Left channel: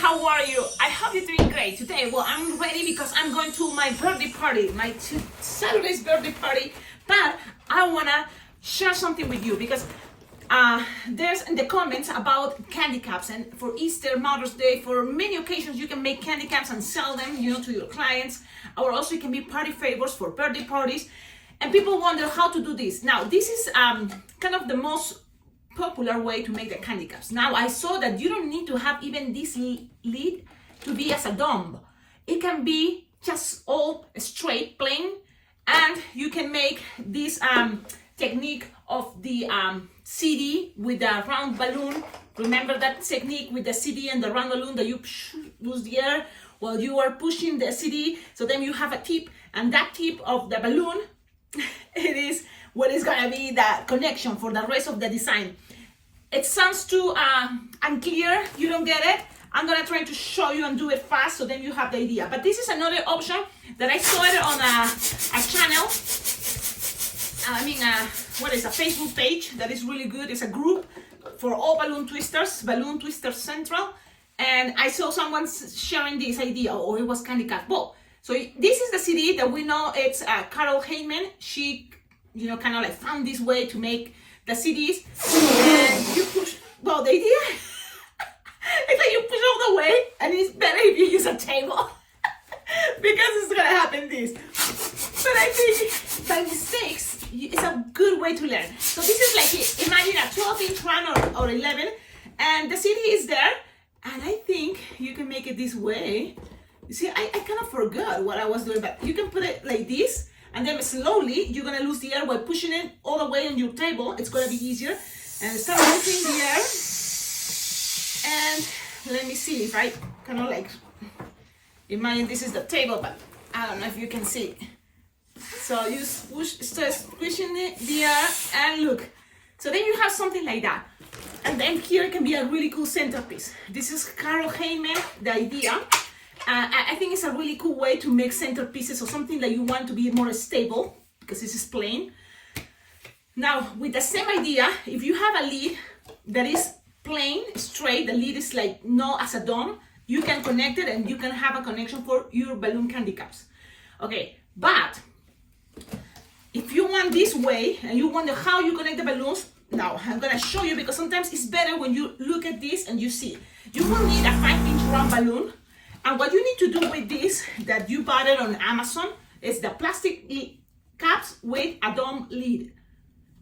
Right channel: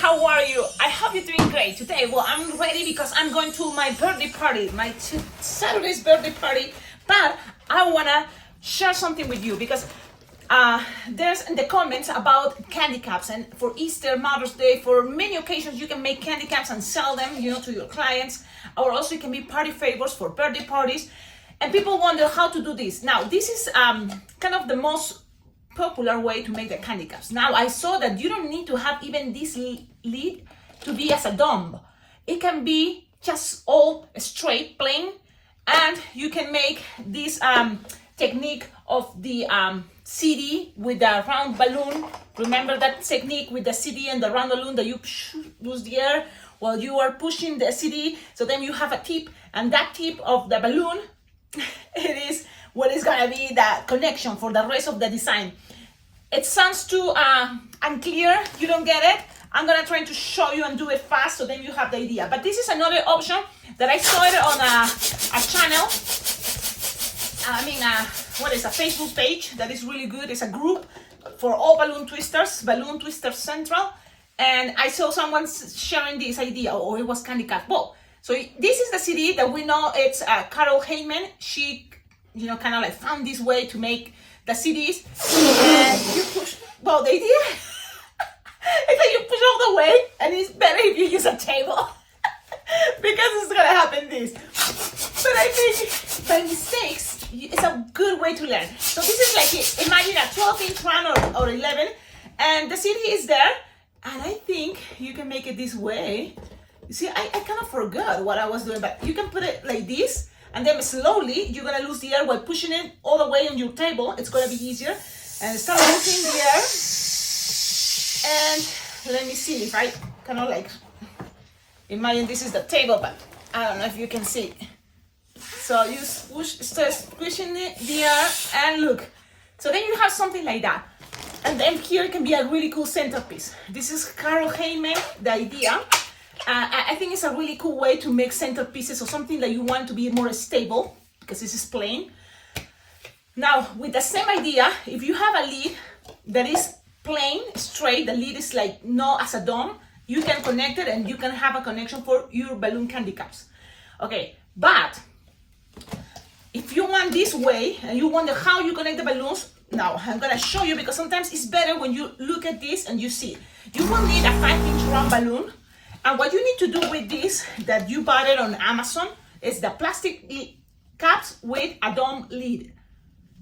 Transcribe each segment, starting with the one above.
how are you? I hope you're doing great today. Well, I'm ready because I'm going to my birthday party, my Saturday's birthday party. But I wanna share something with you because there's in the comments about candy caps, and for Easter, Mother's Day, for many occasions you can make candy caps and sell them, to your clients, or also it can be party favors for birthday parties. And people wonder how to do this. Now, this is kind of the most popular way to make the candy caps. Now, I saw that you don't need to have even this lid to be as a dome. It can be just all straight, plain, and you can make this technique of the CD with the round balloon. Remember that technique with the CD and the round balloon that you lose the air while you are pushing the CD. So then you have a tip, and that tip of the balloon, it is what is gonna be the connection for the rest of the design. It sounds too unclear, you don't get it. I'm gonna try to show you and do it fast so then you have the idea. But this is another option that I saw it on a channel. What is a Facebook page that is really good. It's a group for all balloon twisters, Balloon Twister Central. And I saw someone sharing this idea, or it was candy cat. Well, so this is the CD that we know it's Carol Heyman. She, kind of like found this way to make the CDs. And you push, well, the idea, it's like you push all the way, and it's better if you use a table. Because it's gonna happen this. But I think by mistakes, it's a good way to learn. So this is like, imagine a 12-inch round or 11, and the CD is there, and I think you can make it this way. You see, I kind of forgot what I was doing, but you can put it like this, and then slowly you're gonna lose the air while pushing it all the way on your table. It's gonna be easier. And start losing the air. And let me see if I kind of like, imagine this is the table, but I don't know if you can see. So you start squishing the air, and look. So then you have something like that. And then here can be a really cool centerpiece. This is Carol Heyman, the idea. I think it's a really cool way to make centerpieces or something that you want to be more stable, because this is plain. Now, with the same idea, if you have a lid that is plain, straight, the lid is like not as a dome, you can connect it and you can have a connection for your balloon candy caps. Okay, but if you want this way and you wonder how you connect the balloons, now I'm gonna show you, because sometimes it's better when you look at this and you see. You will need a 5-inch round balloon. And what you need to do with this, that you bought it on Amazon, is the plastic caps with a dome lid.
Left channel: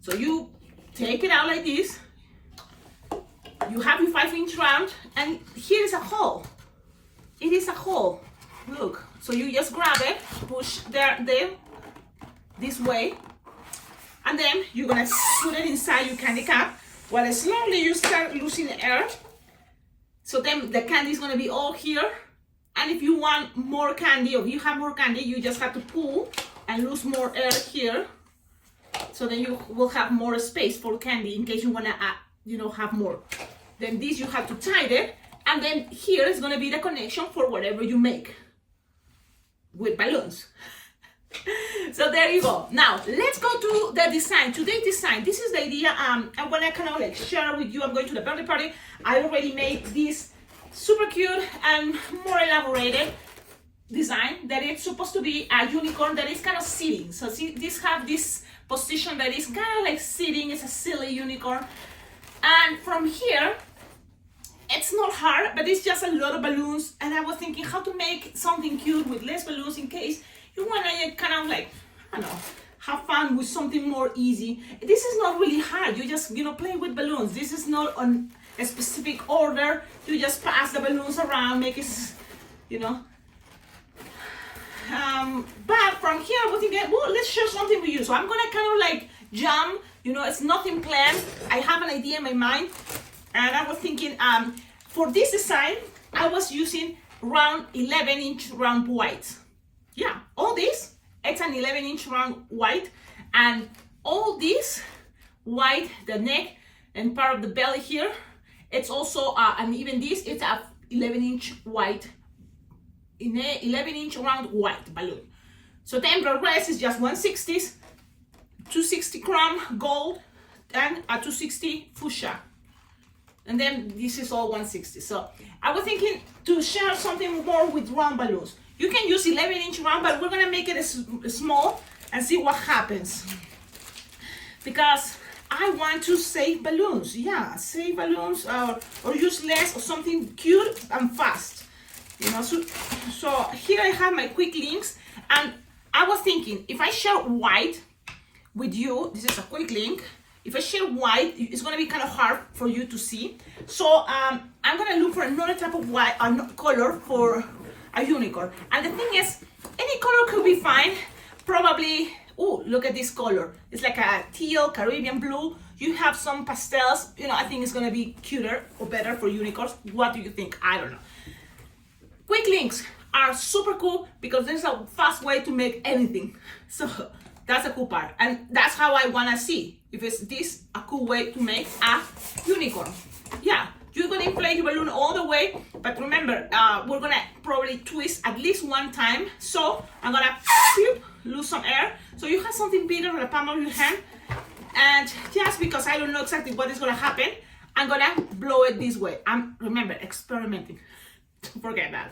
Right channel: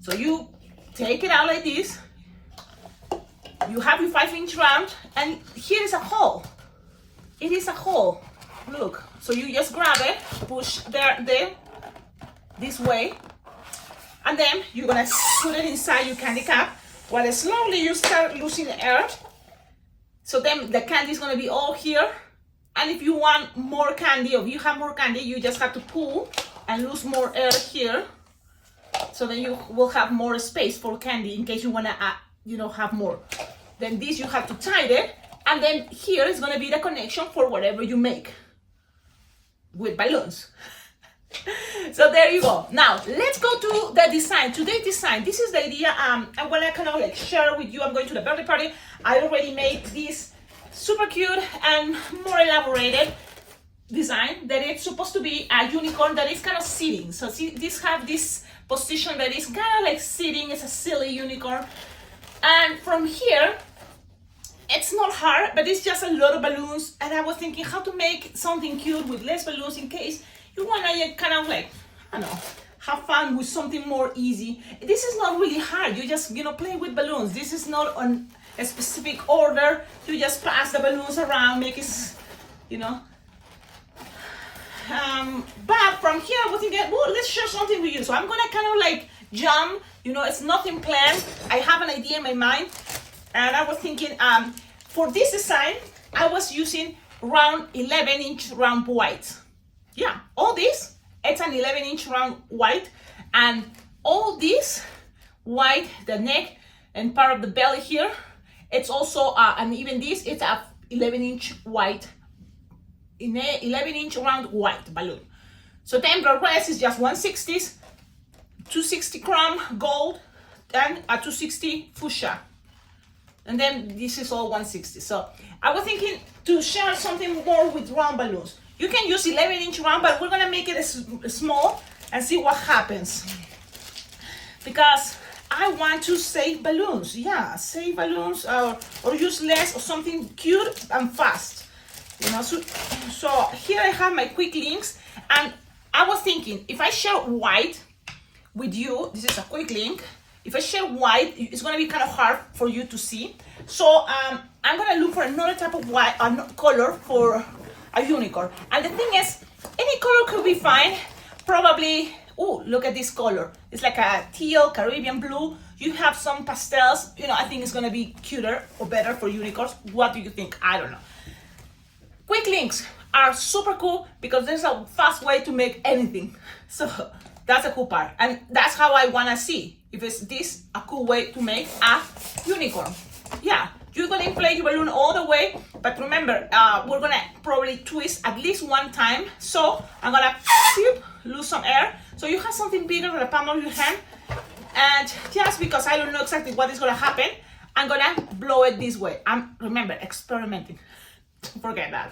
So you take it out like this. You have your 5-inch round, and here is a hole. It is a hole. Look. So you just grab it, push there, this way, and then you're gonna put it inside your candy cap. While slowly you start losing air. So then the candy is gonna be all here. And if you want more candy, or if you have more candy, you just have to pull and lose more air here. So then you will have more space for candy in case you wanna, have more. Then this you have to tie it, and then here is gonna be the connection for whatever you make with balloons. So there you go. Now let's go to the design. Today's design. This is the idea. I wanna kind of like share with you. I'm going to the birthday party. I already made this super cute and more elaborated design that it's supposed to be a unicorn that is kind of sitting. So see, this have this position that is kind of like sitting. It's a silly unicorn. And from here, it's not hard, but it's just a lot of balloons. And I was thinking how to make something cute with less balloons in case you want to kind of like, I don't know, have fun with something more easy. This is not really hard. You just, play with balloons. This is not on a specific order. You just pass the balloons around, make it, but from here, I was thinking, well, let's share something with you. So I'm gonna kind of like jump, it's nothing planned. I have an idea in my mind. And I was thinking, for this design, I was using round 11-inch round white. Yeah, all this, it's an 11-inch round white. And all this white, the neck and part of the belly here, it's also, and even this, it's a 11-inch white, 11-inch round white balloon. So then the rest is just 1/60, 260 chrome gold, and a 260 fuchsia. and then this is all 160. So I was thinking to share something more with round balloons. You can use 11-inch round, but we're gonna make it small and see what happens. Because I want to save balloons. Yeah, save balloons or use less or something cute and fast. You know, so here I have my quick links, and I was thinking if I share white with you, this is a quick link. If I share white, it's gonna be kind of hard for you to see. So I'm gonna look for another type of white color for a unicorn. And the thing is, any color could be fine. Probably, oh, look at this color. It's like a teal, Caribbean blue. You have some pastels. You know, I think it's gonna be cuter or better for unicorns. What do you think? I don't know. Quick links are super cool because there's a fast way to make anything. So that's a cool part. And that's how I wanna see if it's this a cool way to make a unicorn. Yeah, you're gonna inflate your balloon all the way, but remember, we're gonna probably twist at least one time. So I'm gonna lose some air. So you have something bigger than the palm of your hand. And just because I don't know exactly what is gonna happen, I'm gonna blow it this way. Remember, experimenting. Don't forget that.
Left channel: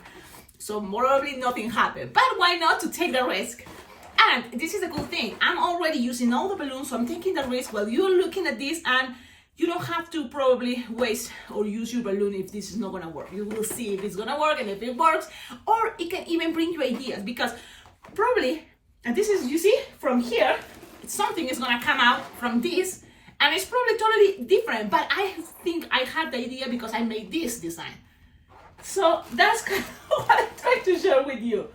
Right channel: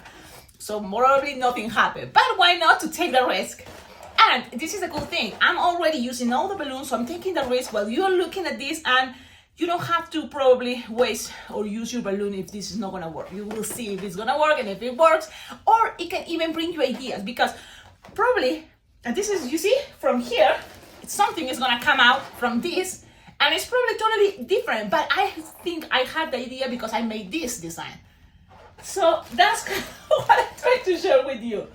So probably nothing happened, but why not to take the risk? And this is the cool thing. I'm already using all the balloons, so I'm taking the risk while you're looking at this, and you don't have to probably waste or use your balloon if this is not gonna work. You will see if it's gonna work and if it works, or it can even bring you ideas because probably, and this is, you see, from here, something is gonna come out from this, and it's probably totally different, but I think I had the idea because I made this design. So that's kind of what I try to share with you.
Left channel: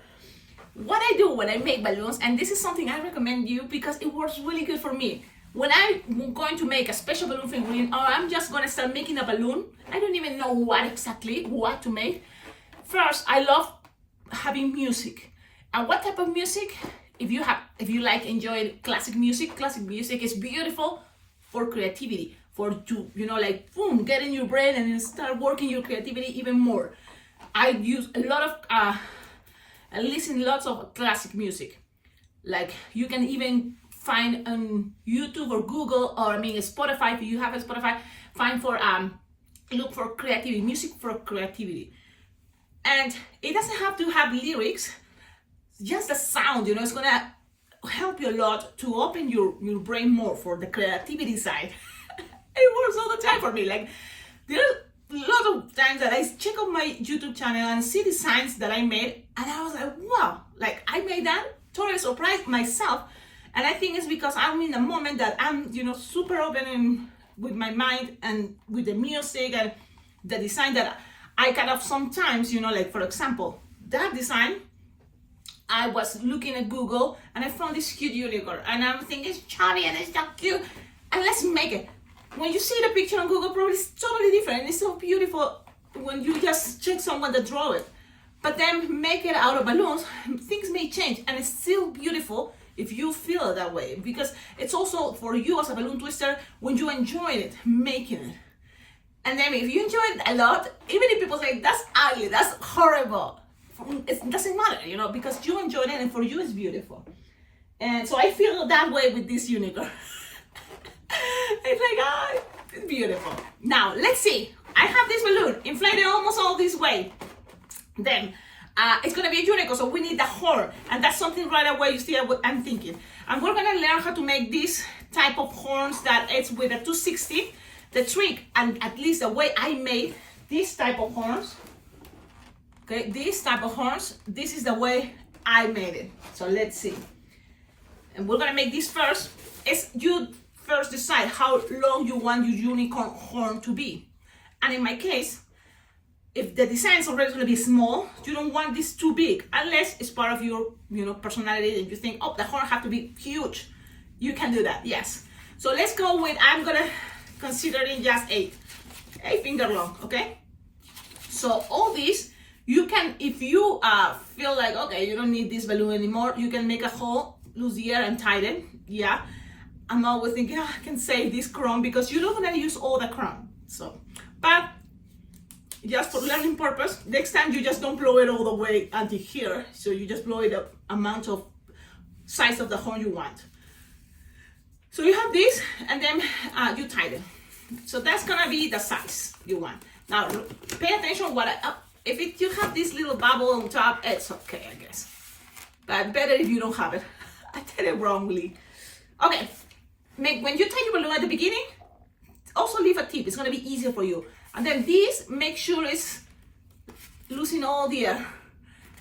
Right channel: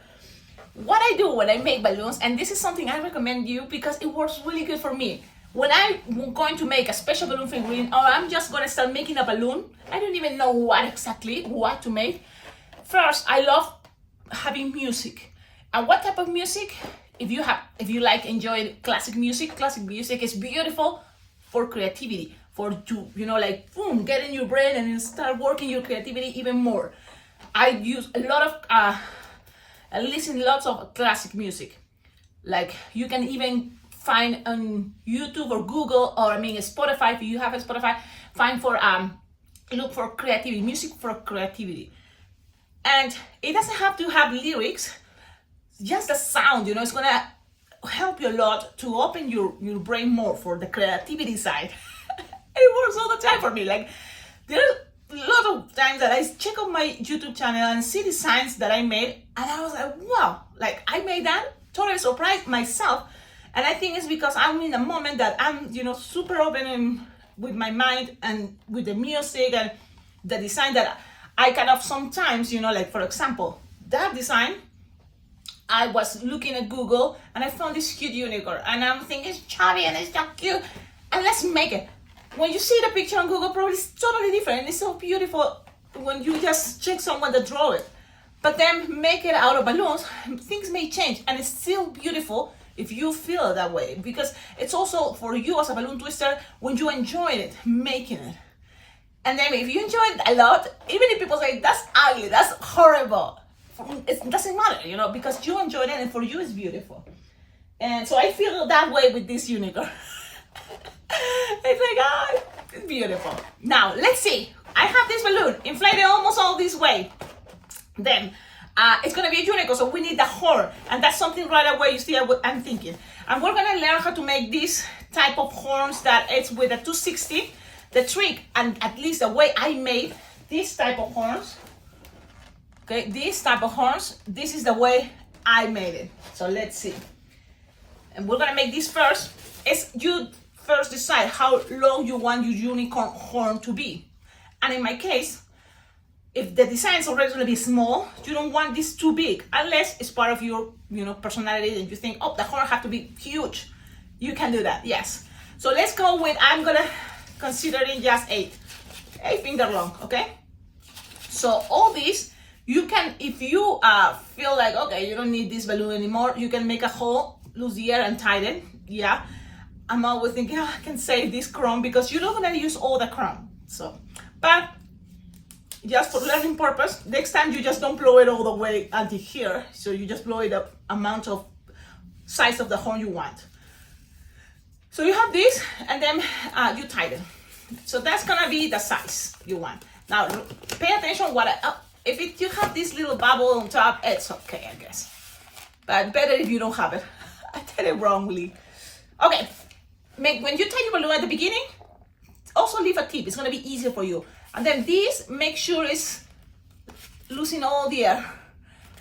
What I do when I make balloons, and this is something I recommend you because it works really good for me. When I'm going to make a special balloon figurine, or I'm just gonna start making a balloon, I don't even know what to make. First, I love having music. And what type of music? If you like enjoy classic music is beautiful for creativity, for to, you know, like boom, get in your brain and start working your creativity even more. I use a lot of I listen lots of classic music. Like you can even find on YouTube or Google, or I mean Spotify, if you have a Spotify, look for creativity, music for creativity. And it doesn't have to have lyrics, just the sound, you know, it's gonna help you a lot to open your brain more for the creativity side. It works all the time for me. Like there's a lot of times that I check out my YouTube channel and see designs that I made, and I was like, wow, like I made that, totally surprised myself. And I think it's because I'm in a moment that I'm, you know, super open with my mind and with the music and the design that I kind of sometimes, you know, like for example, that design, I was looking at Google and I found this cute unicorn and I'm thinking it's chubby and it's not cute and let's make it. When you see the picture on Google, probably it's totally different. It's so beautiful when you just check someone that draw it. But then make it out of balloons, things may change and it's still beautiful if you feel it that way, because it's also for you as a balloon twister when you enjoy it, making it. And then if you enjoy it a lot, even if people say that's ugly, that's horrible, it doesn't matter, you know, because you enjoyed it and for you it's beautiful. And so I feel that way with this unicorn. It's like, it's beautiful. Now, let's see. I have this balloon inflated almost all this way. Then, it's gonna be a unicorn, so we need the horn. And that's something right away, you see what I'm thinking. And we're gonna learn how to make this type of horns that it's with a 260. The trick, and at least the way I made this type of horns, okay, this type of horns, this is the way I made it. So let's see. And we're gonna make this first. It's you first decide how long you want your unicorn horn to be. And in my case, if the design is already gonna be small, you don't want this too big, unless it's part of your, you know, personality and you think, oh, the horn have to be huge. You can do that, yes. So let's go with, I'm gonna consider it just 8 finger long, okay? So all these, you can, if you feel like, okay, you don't need this balloon anymore, you can make a hole, lose the air and tighten, yeah. I'm always thinking, I can save this chrome because you're not gonna use all the chrome. So, but just for learning purpose, next time you just don't blow it all the way until here. So you just blow it the amount of size of the horn you want. So you have this, and then you tighten. So that's gonna be the size you want. Now pay attention what if you have this little bubble on top, it's okay, I guess. But better if you don't have it. I did it wrongly. Okay, when you tie your balloon at the beginning, also leave a tip. It's gonna be easier for you. And then this, make sure it's losing all the air.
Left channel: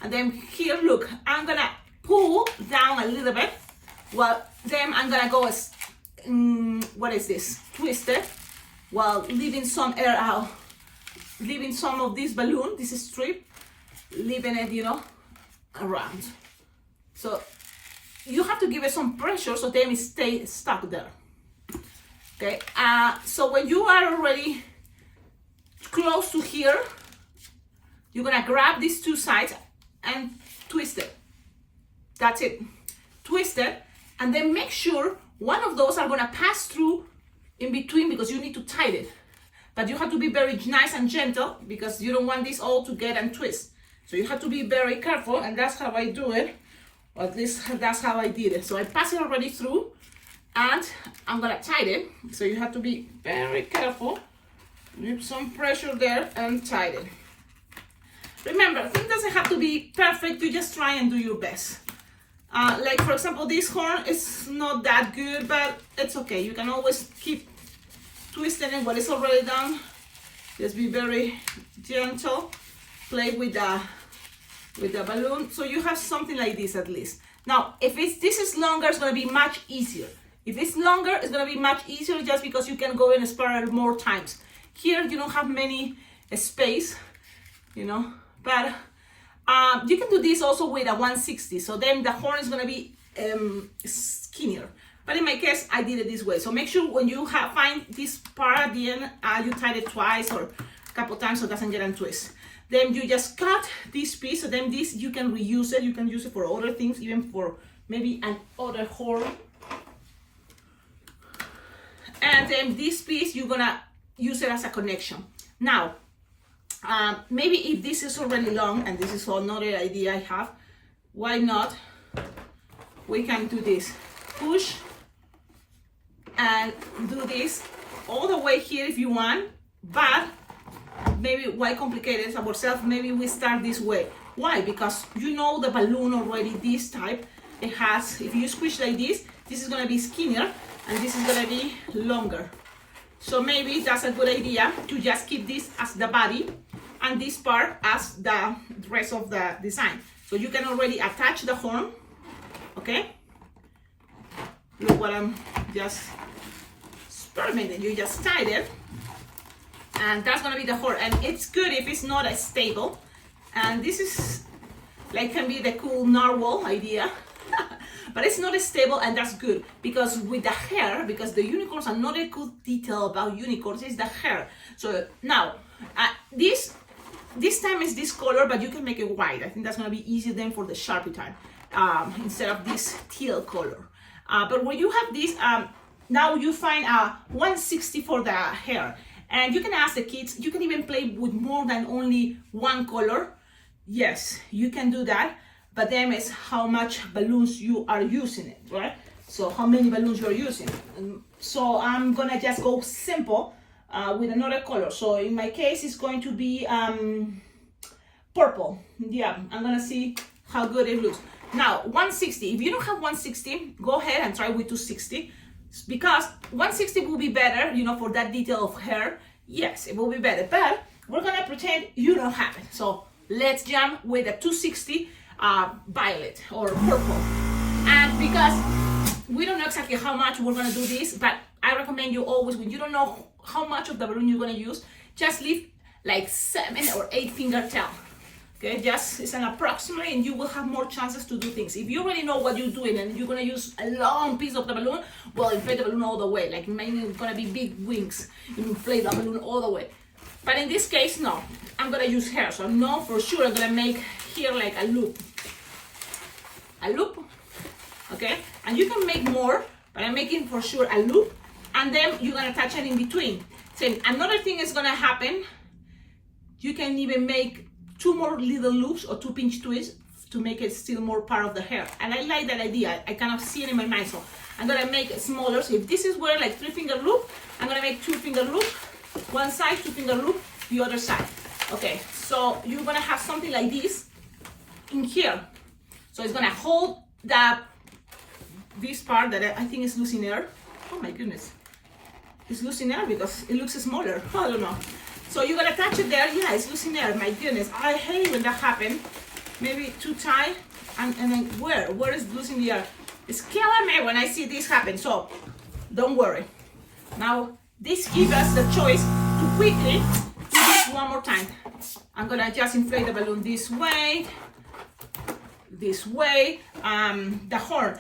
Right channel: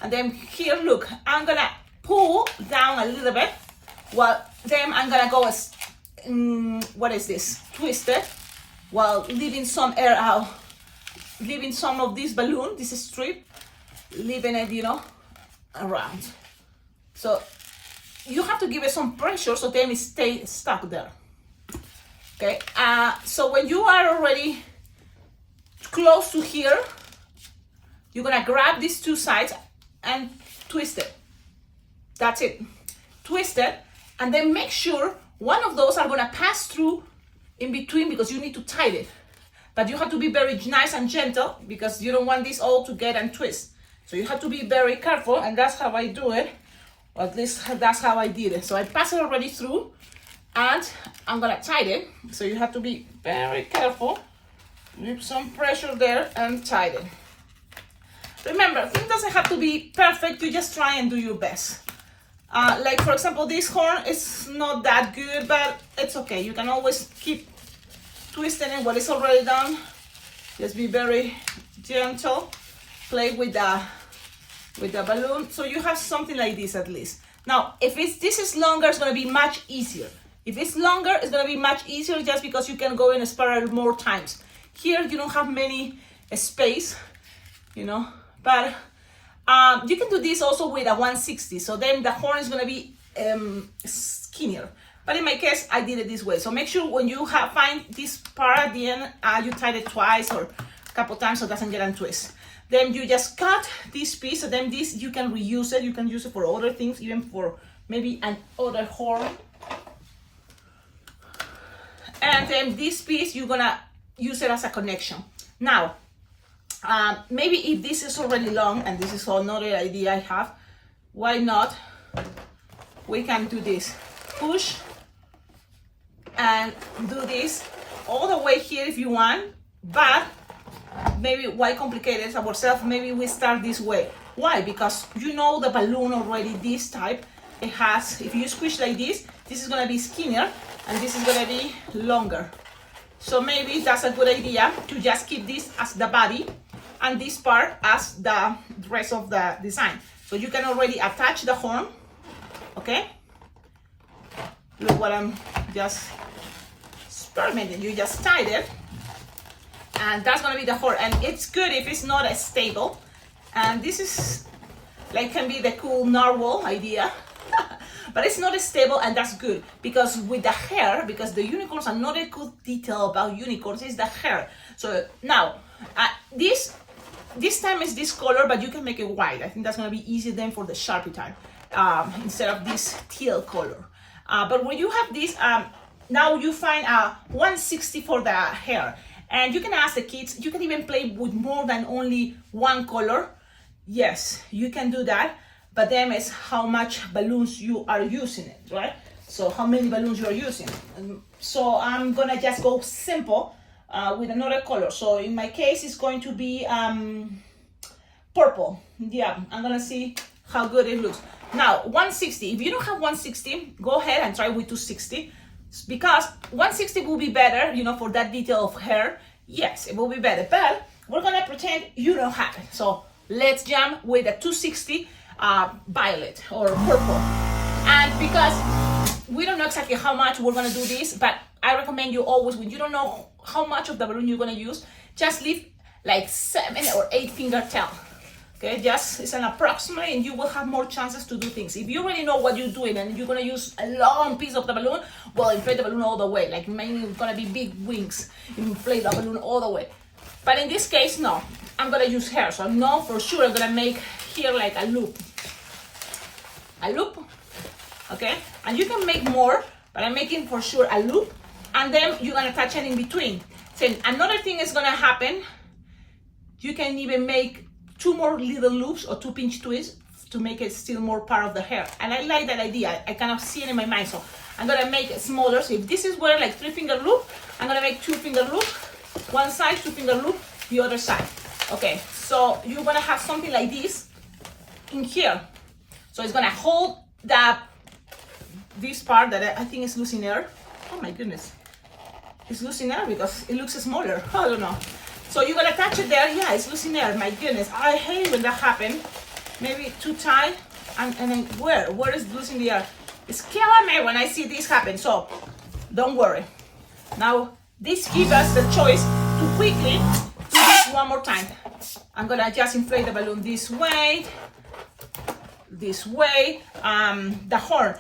And then here, look, I'm gonna pull down a little bit. Well, then I'm gonna go as, what is this? Twist it, while leaving some air out. Leaving some of this balloon, this strip, leaving it, you know, around. So you have to give it some pressure so then it stays stuck there. Okay, so when you are already close to here, you're gonna grab these two sides and twist it. That's it. Twist it, and then make sure one of those are gonna pass through in between because you need to tie it. But you have to be very nice and gentle because you don't want this all to get and twist. So you have to be very careful, and that's how I do it. Or at least that's how I did it. So I pass it already through, and I'm gonna tie it. So you have to be very careful. Leave some pressure there and tie it. Remember, things doesn't have to be perfect. You just try and do your best. Like for example, this horn is not that good, but it's okay. You can always keep twisting it when it's already done. Just be very gentle. Play with the balloon, so you have something like this at least. Now, if this is longer, it's gonna be much easier. If it's longer, it's gonna be much easier just because you can go and spiral more times. Here, you don't have many space, you know, but you can do this also with a 160. So then the horn is gonna be skinnier. But in my case, I did it this way. So make sure when you find this part at the end, you tie it twice or a couple times so it doesn't get untwist. Then you just cut this piece, so then this you can reuse it. You can use it for other things, even for maybe an other horn. And then this piece, you're gonna use it as a connection. Now, maybe if this is already long, and this is another idea I have, why not? We can do this. Push and do this all the way here if you want, but maybe why complicate it ourselves? Maybe we start this way. Why? Because you know the balloon already, this type, it has, if you squish like this is gonna be skinnier and this is gonna be longer. So maybe that's a good idea to just keep this as the body and this part as the rest of the design. So you can already attach the horn, okay? Look what I'm just experimenting. You just tied it, and that's gonna be the horn. And it's good if it's not as stable. And this is like can be the cool narwhal idea, but it's not as stable, and that's good because with the hair, because the unicorns, another good detail about unicorns is the hair. So now this time is this color, but you can make it white. I think that's gonna be easy then for the Sharpie time instead of this teal color. But when you have this, now you find a 160 for the hair. And you can ask the kids, you can even play with more than only one color. Yes, you can do that. But then it's how much balloons you are using it, right? So how many balloons you are using. So I'm gonna just go simple with another color. So in my case, it's going to be purple. Yeah, I'm gonna see how good it looks. Now, 160, if you don't have 160, go ahead and try with 260, because 160 will be better, you know, for that detail of hair. Yes, it will be better, but we're gonna pretend you don't have it. So let's jump with a 260 violet or purple. And because we don't know exactly how much we're gonna do this, but I recommend you always, when you don't know how much of the balloon you're gonna use, just leave like 7 or 8 finger tail. Okay, just it's an approximate, and you will have more chances to do things. If you already know what you're doing and you're gonna use a long piece of the balloon, well, inflate the balloon all the way. Like maybe it's gonna be big wings, you inflate the balloon all the way. But in this case, no, I'm gonna use hair, so I know for sure I'm gonna make here like a loop, okay? And you can make more, but I'm making for sure a loop, and then you're gonna attach it in between. So another thing is gonna happen, you can even make 2 more little loops or 2 pinch twists to make it still more part of the hair. And I like that idea. I kind of see it in my mind. So I'm gonna make it smaller. So if this is where like 3-finger loop, I'm gonna make 2-finger loop, one side, 2-finger loop, the other side. Okay, so you're gonna have something like this in here. So it's gonna hold this part that I think is losing air. Oh my goodness. It's losing air because it looks smaller. I don't know. So you're gonna catch it there. Yeah, it's losing air. My goodness, I hate when that happens. Maybe too tight. And then where is losing the air? It's killing me when I see this happen. So don't worry. Now this gives us the choice to quickly do this one more time. I'm gonna just inflate the balloon this way, the horn.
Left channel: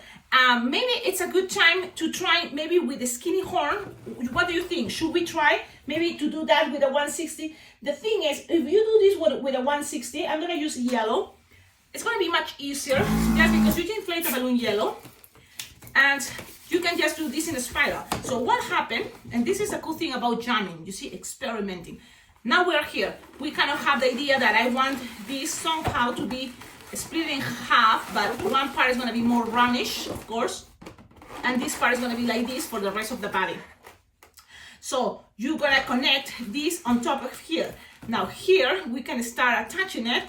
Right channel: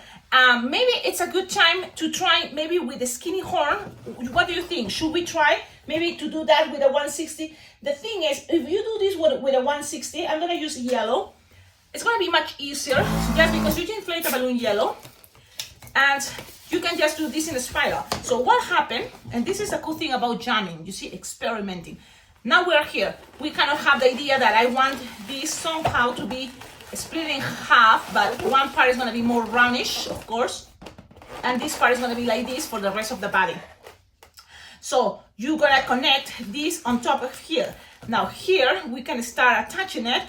Maybe it's a good time to try maybe with the skinny horn. What do you think? Should we try maybe to do that with a 160? The thing is, if you do this with a 160, I'm gonna use yellow. It's gonna be much easier just because you can inflate the balloon yellow and you can just do this in a spiral. So what happened, and this is the cool thing about jamming, you see, experimenting. Now we're here. We kind of have the idea that I want this somehow to be split in half, but one part is going to be more roundish, of course, and this part is going to be like this for the rest of the body. So you're going to connect this on top of here. Now here we can start attaching it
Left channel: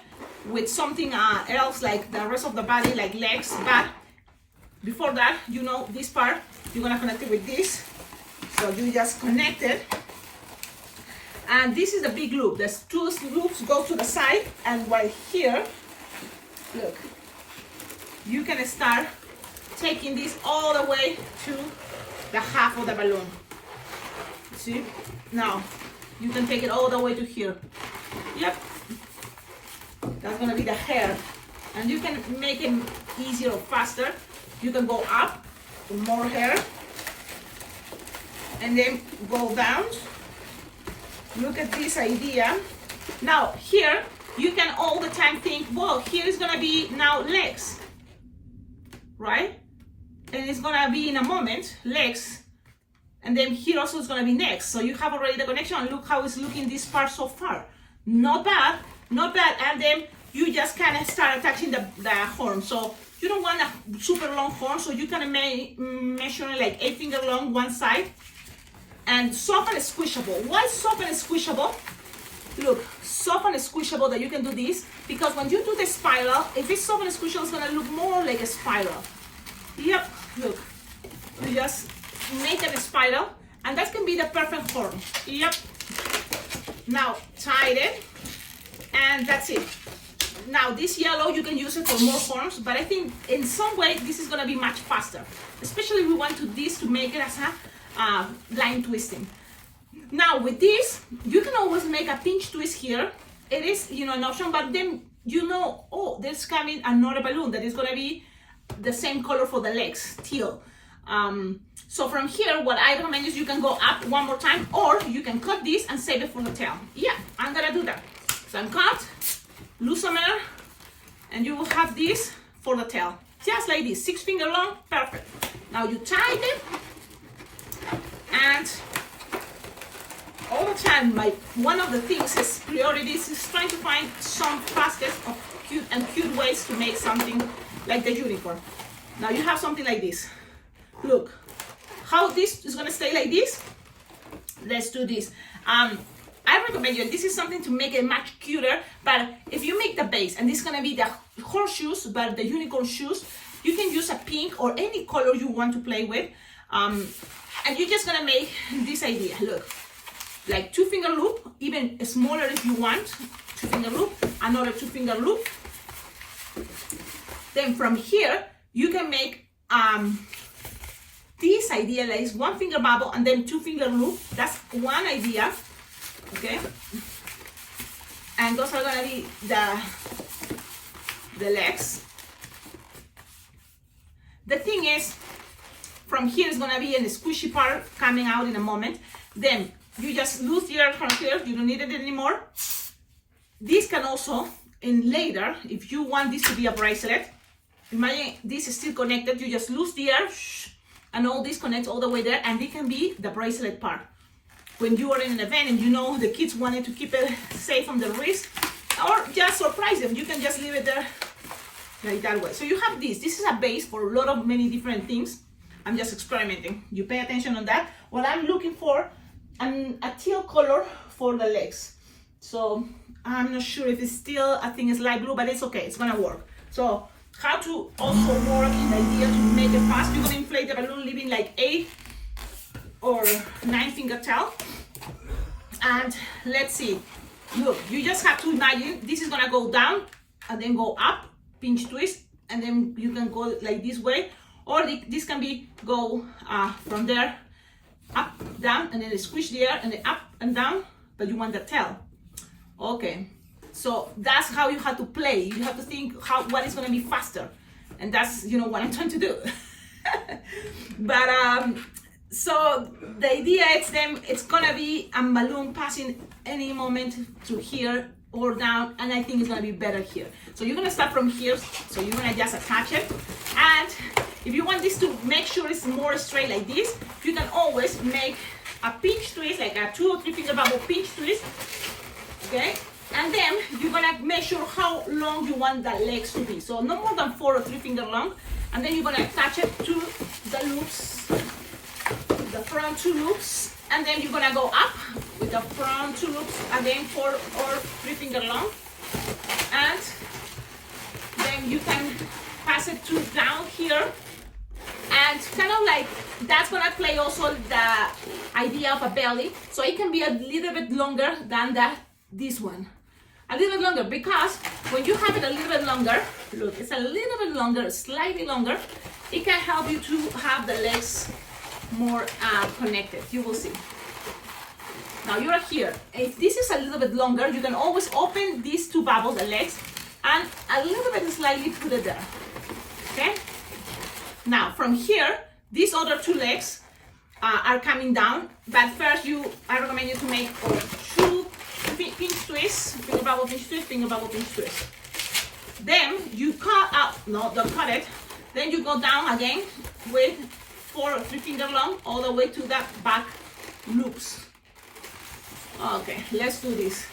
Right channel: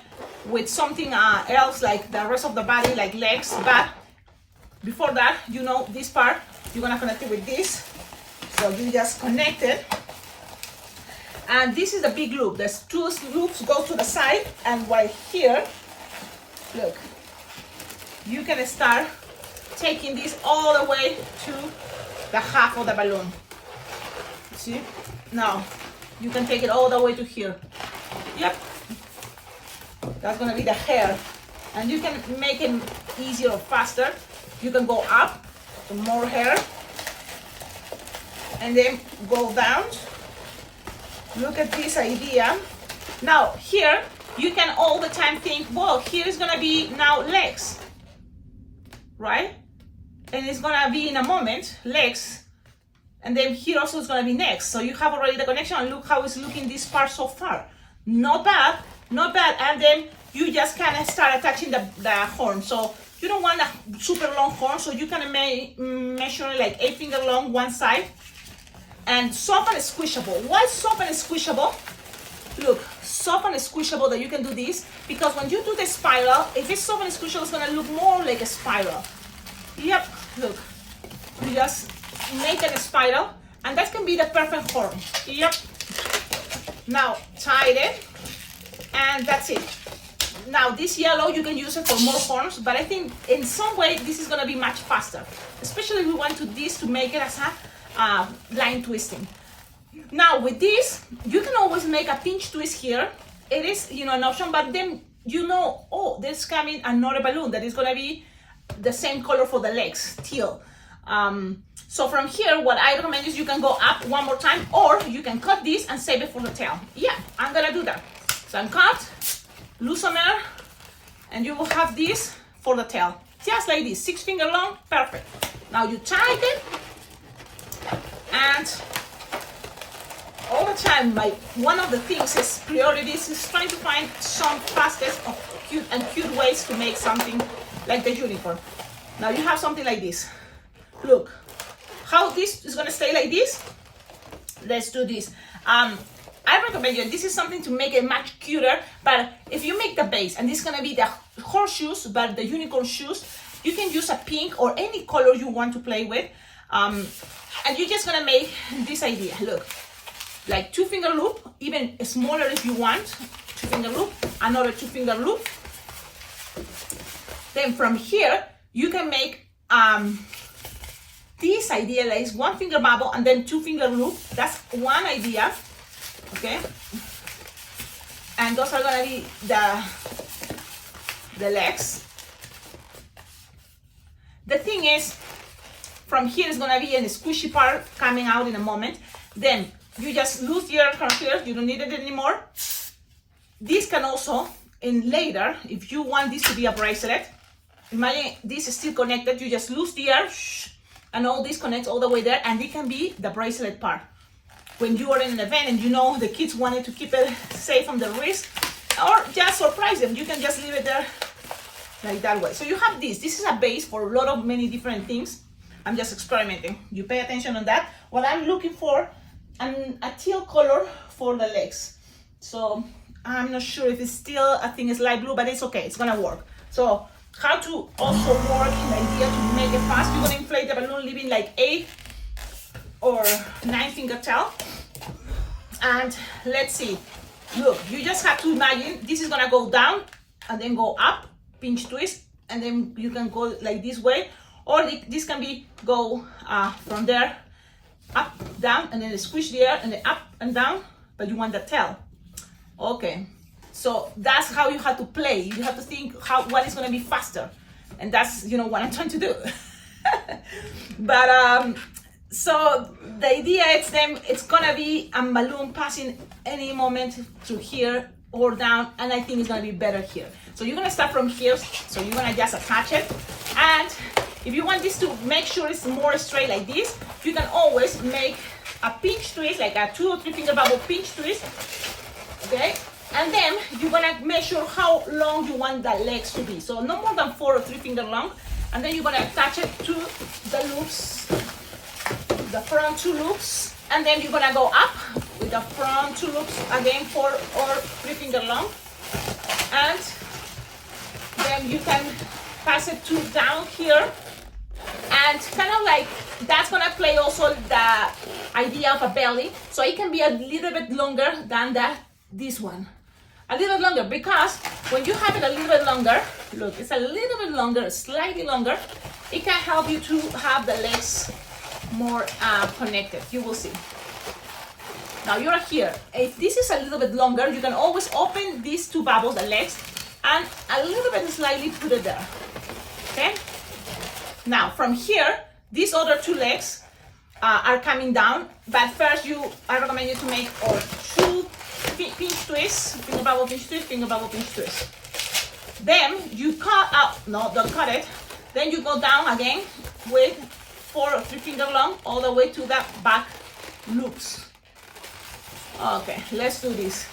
with something else like the rest of the body, like legs, but before that, you know, this part you're going to connect it with this. So you just connect it, and this is the big loop. There's 2 loops go to the side, and right here, look, you can start taking this all the way to the half of the balloon. See? Now, you can take it all the way to here. Yep. That's gonna be the hair. And you can make it easier or faster. You can go up to more hair. And then go down. Look at this idea. Now, here, you can all the time think, well, here is gonna be now legs, right? And it's gonna be in a moment, legs, and then here also is gonna be next. So you have already the connection, and look how it's looking this part so far. Not bad, not bad. And then you just kind of start attaching the horn. So you don't want a super long horn, so you can measure like 8-finger long one side. And soft and squishable. Why soft and squishable? Look, soft and squishable that you can do this, because when you do the spiral, if it's soft and squishable, it's gonna look more like a spiral. Yep, look, you just make it a spiral, and that can be the perfect horn. Yep. Now tie it, and that's it. Now this yellow, you can use it for more horns, but I think in some way this is gonna be much faster, especially if we want this to make it as a line twisting. Now with this, you can always make a pinch twist here. It is, you know, an option, but then you know, oh, there's coming another balloon that is gonna be the same color for the legs, teal. So from here, what I recommend is you can go up one more time, or you can cut this and save it for the tail. Yeah, I'm gonna do that. So I'm cut, lose some air, and you will have this for the tail. Just like this, 6-finger long, perfect. Now you tie it, and all the time, one of the things is priorities is trying to find some fastest of cute ways to make something like the unicorn. Now you have something like this. Look, how this is gonna stay like this. Let's do this. I recommend you, this is something to make it much cuter, but if you make the base, and this is gonna be the horseshoes, but the unicorn shoes, you can use a pink or any color you want to play with. And you're just gonna make this idea, look. Like 2-finger loop, even smaller if you want, 2-finger loop, another 2-finger loop. Then from here, you can make this idea, like 1-finger bubble and then 2-finger loop. That's one idea, okay? And those are gonna be the legs. The thing is, from here is gonna be a squishy part coming out in a moment. Then you just lose the air from here, you don't need it anymore. This can also, in later, if you want this to be a bracelet, imagine this is still connected, you just lose the air, and all this connects all the way there, and it can be the bracelet part. When you are in an event and you know the kids wanted to keep it safe from the wrist, or just surprise them, you can just leave it there like that way. So you have this is a base for a lot of many different things. I'm just experimenting. You pay attention on that. What I'm looking for, a teal color for the legs. So I'm not sure if it's still, I think it's light blue, but it's okay, it's gonna work. So how to also work in the idea to make it fast. You're gonna inflate the balloon leaving like 8 or 9 finger tail. And let's see, look, you just have to imagine this is gonna go down and then go up, pinch twist, and then you can go like this way, or this can be go from there, up, down, and then squish the air, and then up and down, but you want the tail. Okay, so that's how you have to play. You have to think what is gonna be faster, and that's what I'm trying to do. But so the idea is it's gonna be a balloon passing any moment to here or down, and I think it's gonna be better here. So you're gonna start from here, so you're gonna just attach it, and if you want this to make sure it's more straight like this, you can always make a pinch twist, like a 2 or 3 finger bubble pinch twist, okay? And then you're gonna measure how long you want the legs to be. So no more than 4 or 3 finger long, and then you're gonna attach it to the loops, the front 2 loops, and then you're gonna go up with the front 2 loops again, 4 or 3 finger long, and then you can pass it to down here, and kind of like that's gonna play also the idea of a belly, so it can be a little bit longer than this one, a little longer, because when you have it a little bit longer, look, it's a little bit longer, slightly longer, it can help you to have the legs more connected. You will see. Now you're here. If this is a little bit longer, you can always open these 2 bubbles, the legs, and a little bit slightly put it there. Okay? Now from here, these other 2 legs are coming down, but first I recommend you to make 2 pinch twists, finger bubble pinch twist, finger bubble pinch twist. Then you cut out, no, don't cut it. Then you go down again with 4 or 3 finger long all the way to the back loops. Okay, let's do this.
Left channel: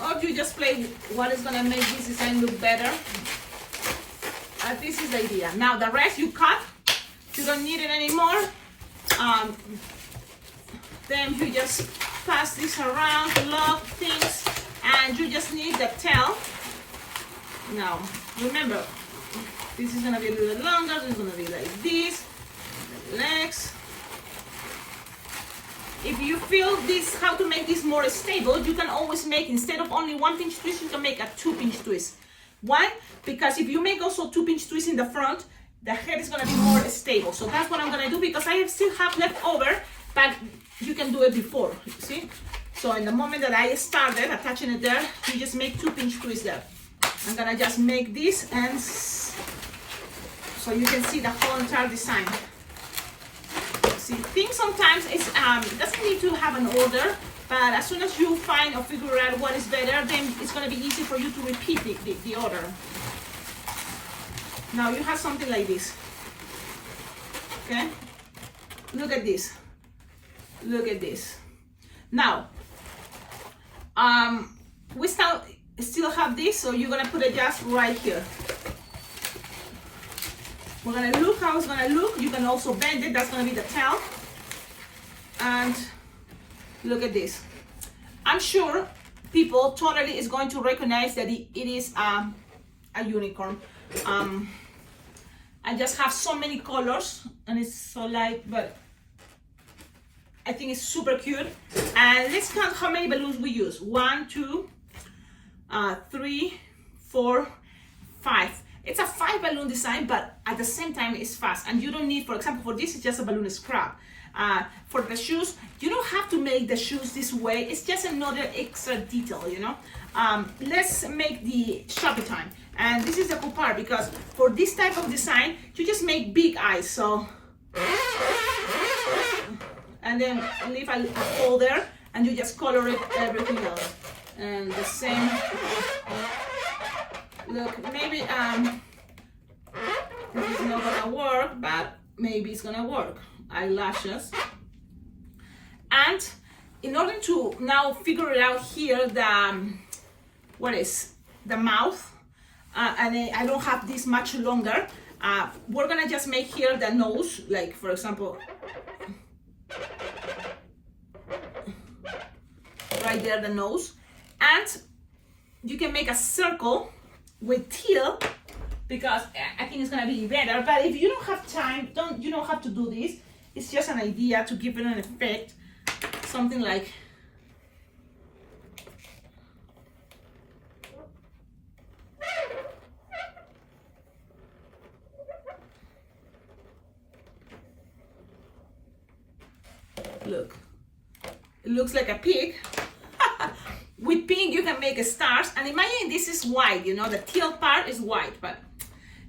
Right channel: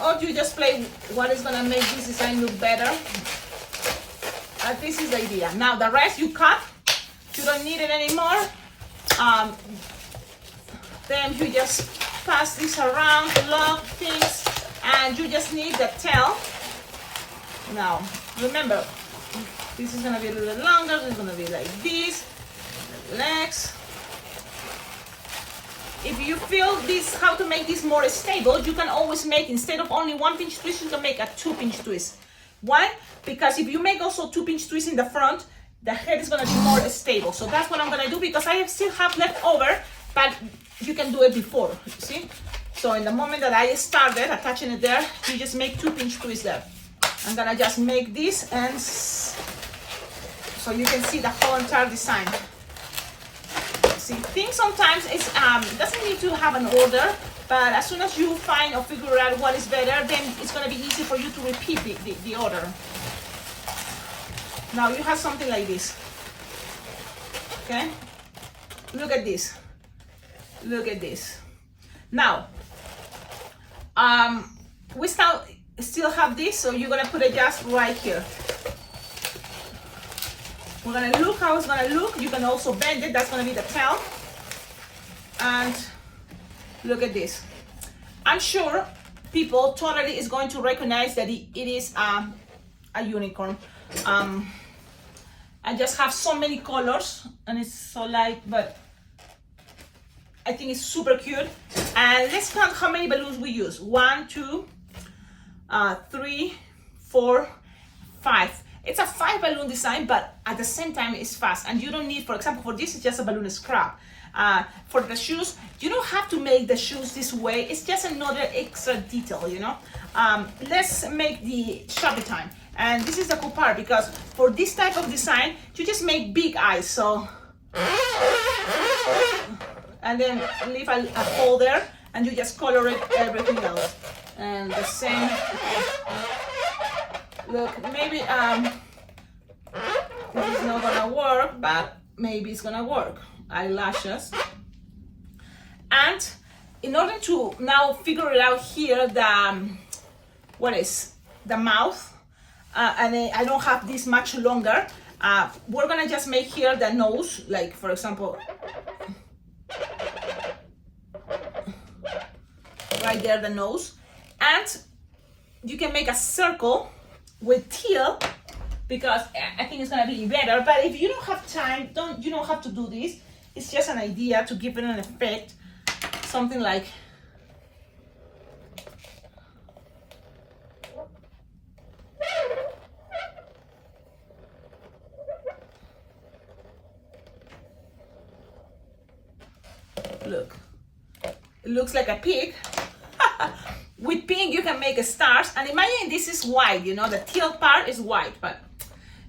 Or you just play what is gonna make this design look better. This is the idea. Now the rest you cut. You don't need it anymore. Then you just pass this around, lock things, and you just need the tail. Now remember, this is gonna be a little bit longer. This is gonna be like this. Legs. If you feel this, how to make this more stable, you can always make, instead of only 1 pinch twist, you can make a 2 pinch twist. Why? Because if you make also 2 pinch twists in the front, the head is gonna be more stable. So that's what I'm gonna do, because I still have left over, but you can do it before, you see? So in the moment that I started attaching it there, you just make 2 pinch twists there. I'm gonna just make this, and so you can see the whole entire design. Things sometimes doesn't need to have an order, but as soon as you find or figure out what is better, then it's going to be easy for you to repeat the order. Now you have something like this. Okay, look at this. Look at this. Now we still have this, so you're going to put it just right here. We're gonna look how it's gonna look. You can also bend it. That's gonna be the tail. And look at this. I'm sure people totally is going to recognize that it is a unicorn. I just have so many colors, and it's so light, but I think it's super cute. And let's count how many balloons we use. 1, 2, 3, 4, 5. It's a 5 balloon design, but at the same time it's fast, and you don't need, for example, for this it's just a balloon scrap. For the shoes, you don't have to make the shoes this way. It's just another extra detail, Let's make the Sharpie time, and this is the cool part, because for this type of design you just make big eyes, so and then leave a hole there, and you just color it everything else, and the same. Look, maybe this is not gonna work, but maybe it's gonna work. Eyelashes. And in order to now figure it out here, what is the mouth, and I don't have this much longer. We're gonna just make here the nose, like for example, right there, the nose, and you can make a circle with teal because I think it's gonna be better. But if you don't have time, you don't have to do this. It's just an idea to give it an effect, something like. Look, it looks like a pig. With pink you can make stars, and imagine this is white, you know, the teal part is white, but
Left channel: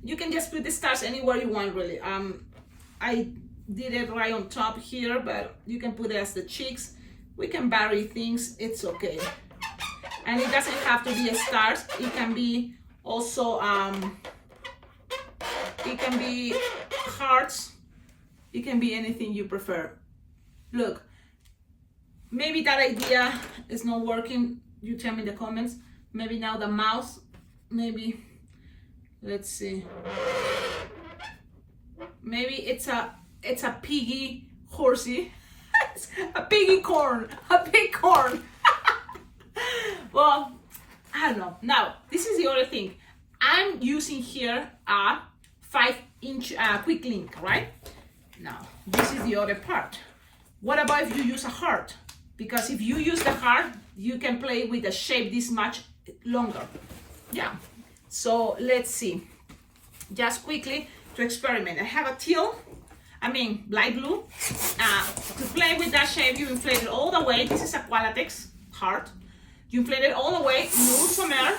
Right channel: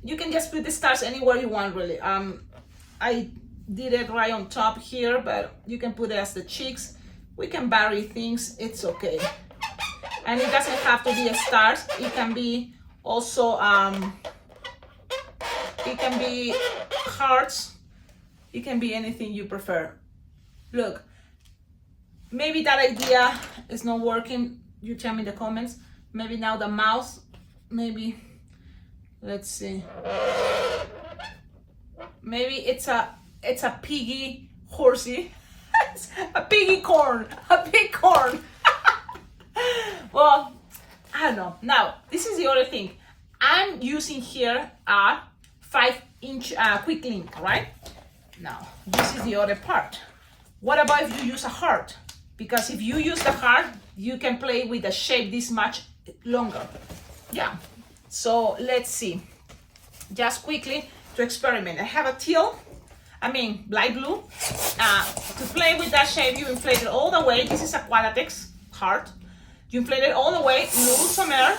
you can just put the stars anywhere you want, really. I did it right on top here, but you can put it as the cheeks. We can vary things, it's okay. And it doesn't have to be a stars, it can be also it can be hearts, it can be anything you prefer. Look, maybe that idea is not working. You tell me in the comments. Maybe now the mouth, maybe, let's see. Maybe it's a piggy horsey. A piggy corn, a pig corn. Well, I don't know. Now, this is the other thing. I'm using here a 5-inch quick link, right? Now, this is the other part. What about if you use a heart? Because if you use the heart, you can play with the shape this much longer. Yeah, so let's see. Just quickly to experiment. I have a teal, light blue. To play with that shape, you inflate it all the way. This is a Qualatex heart. You inflate it all the way, lose some air.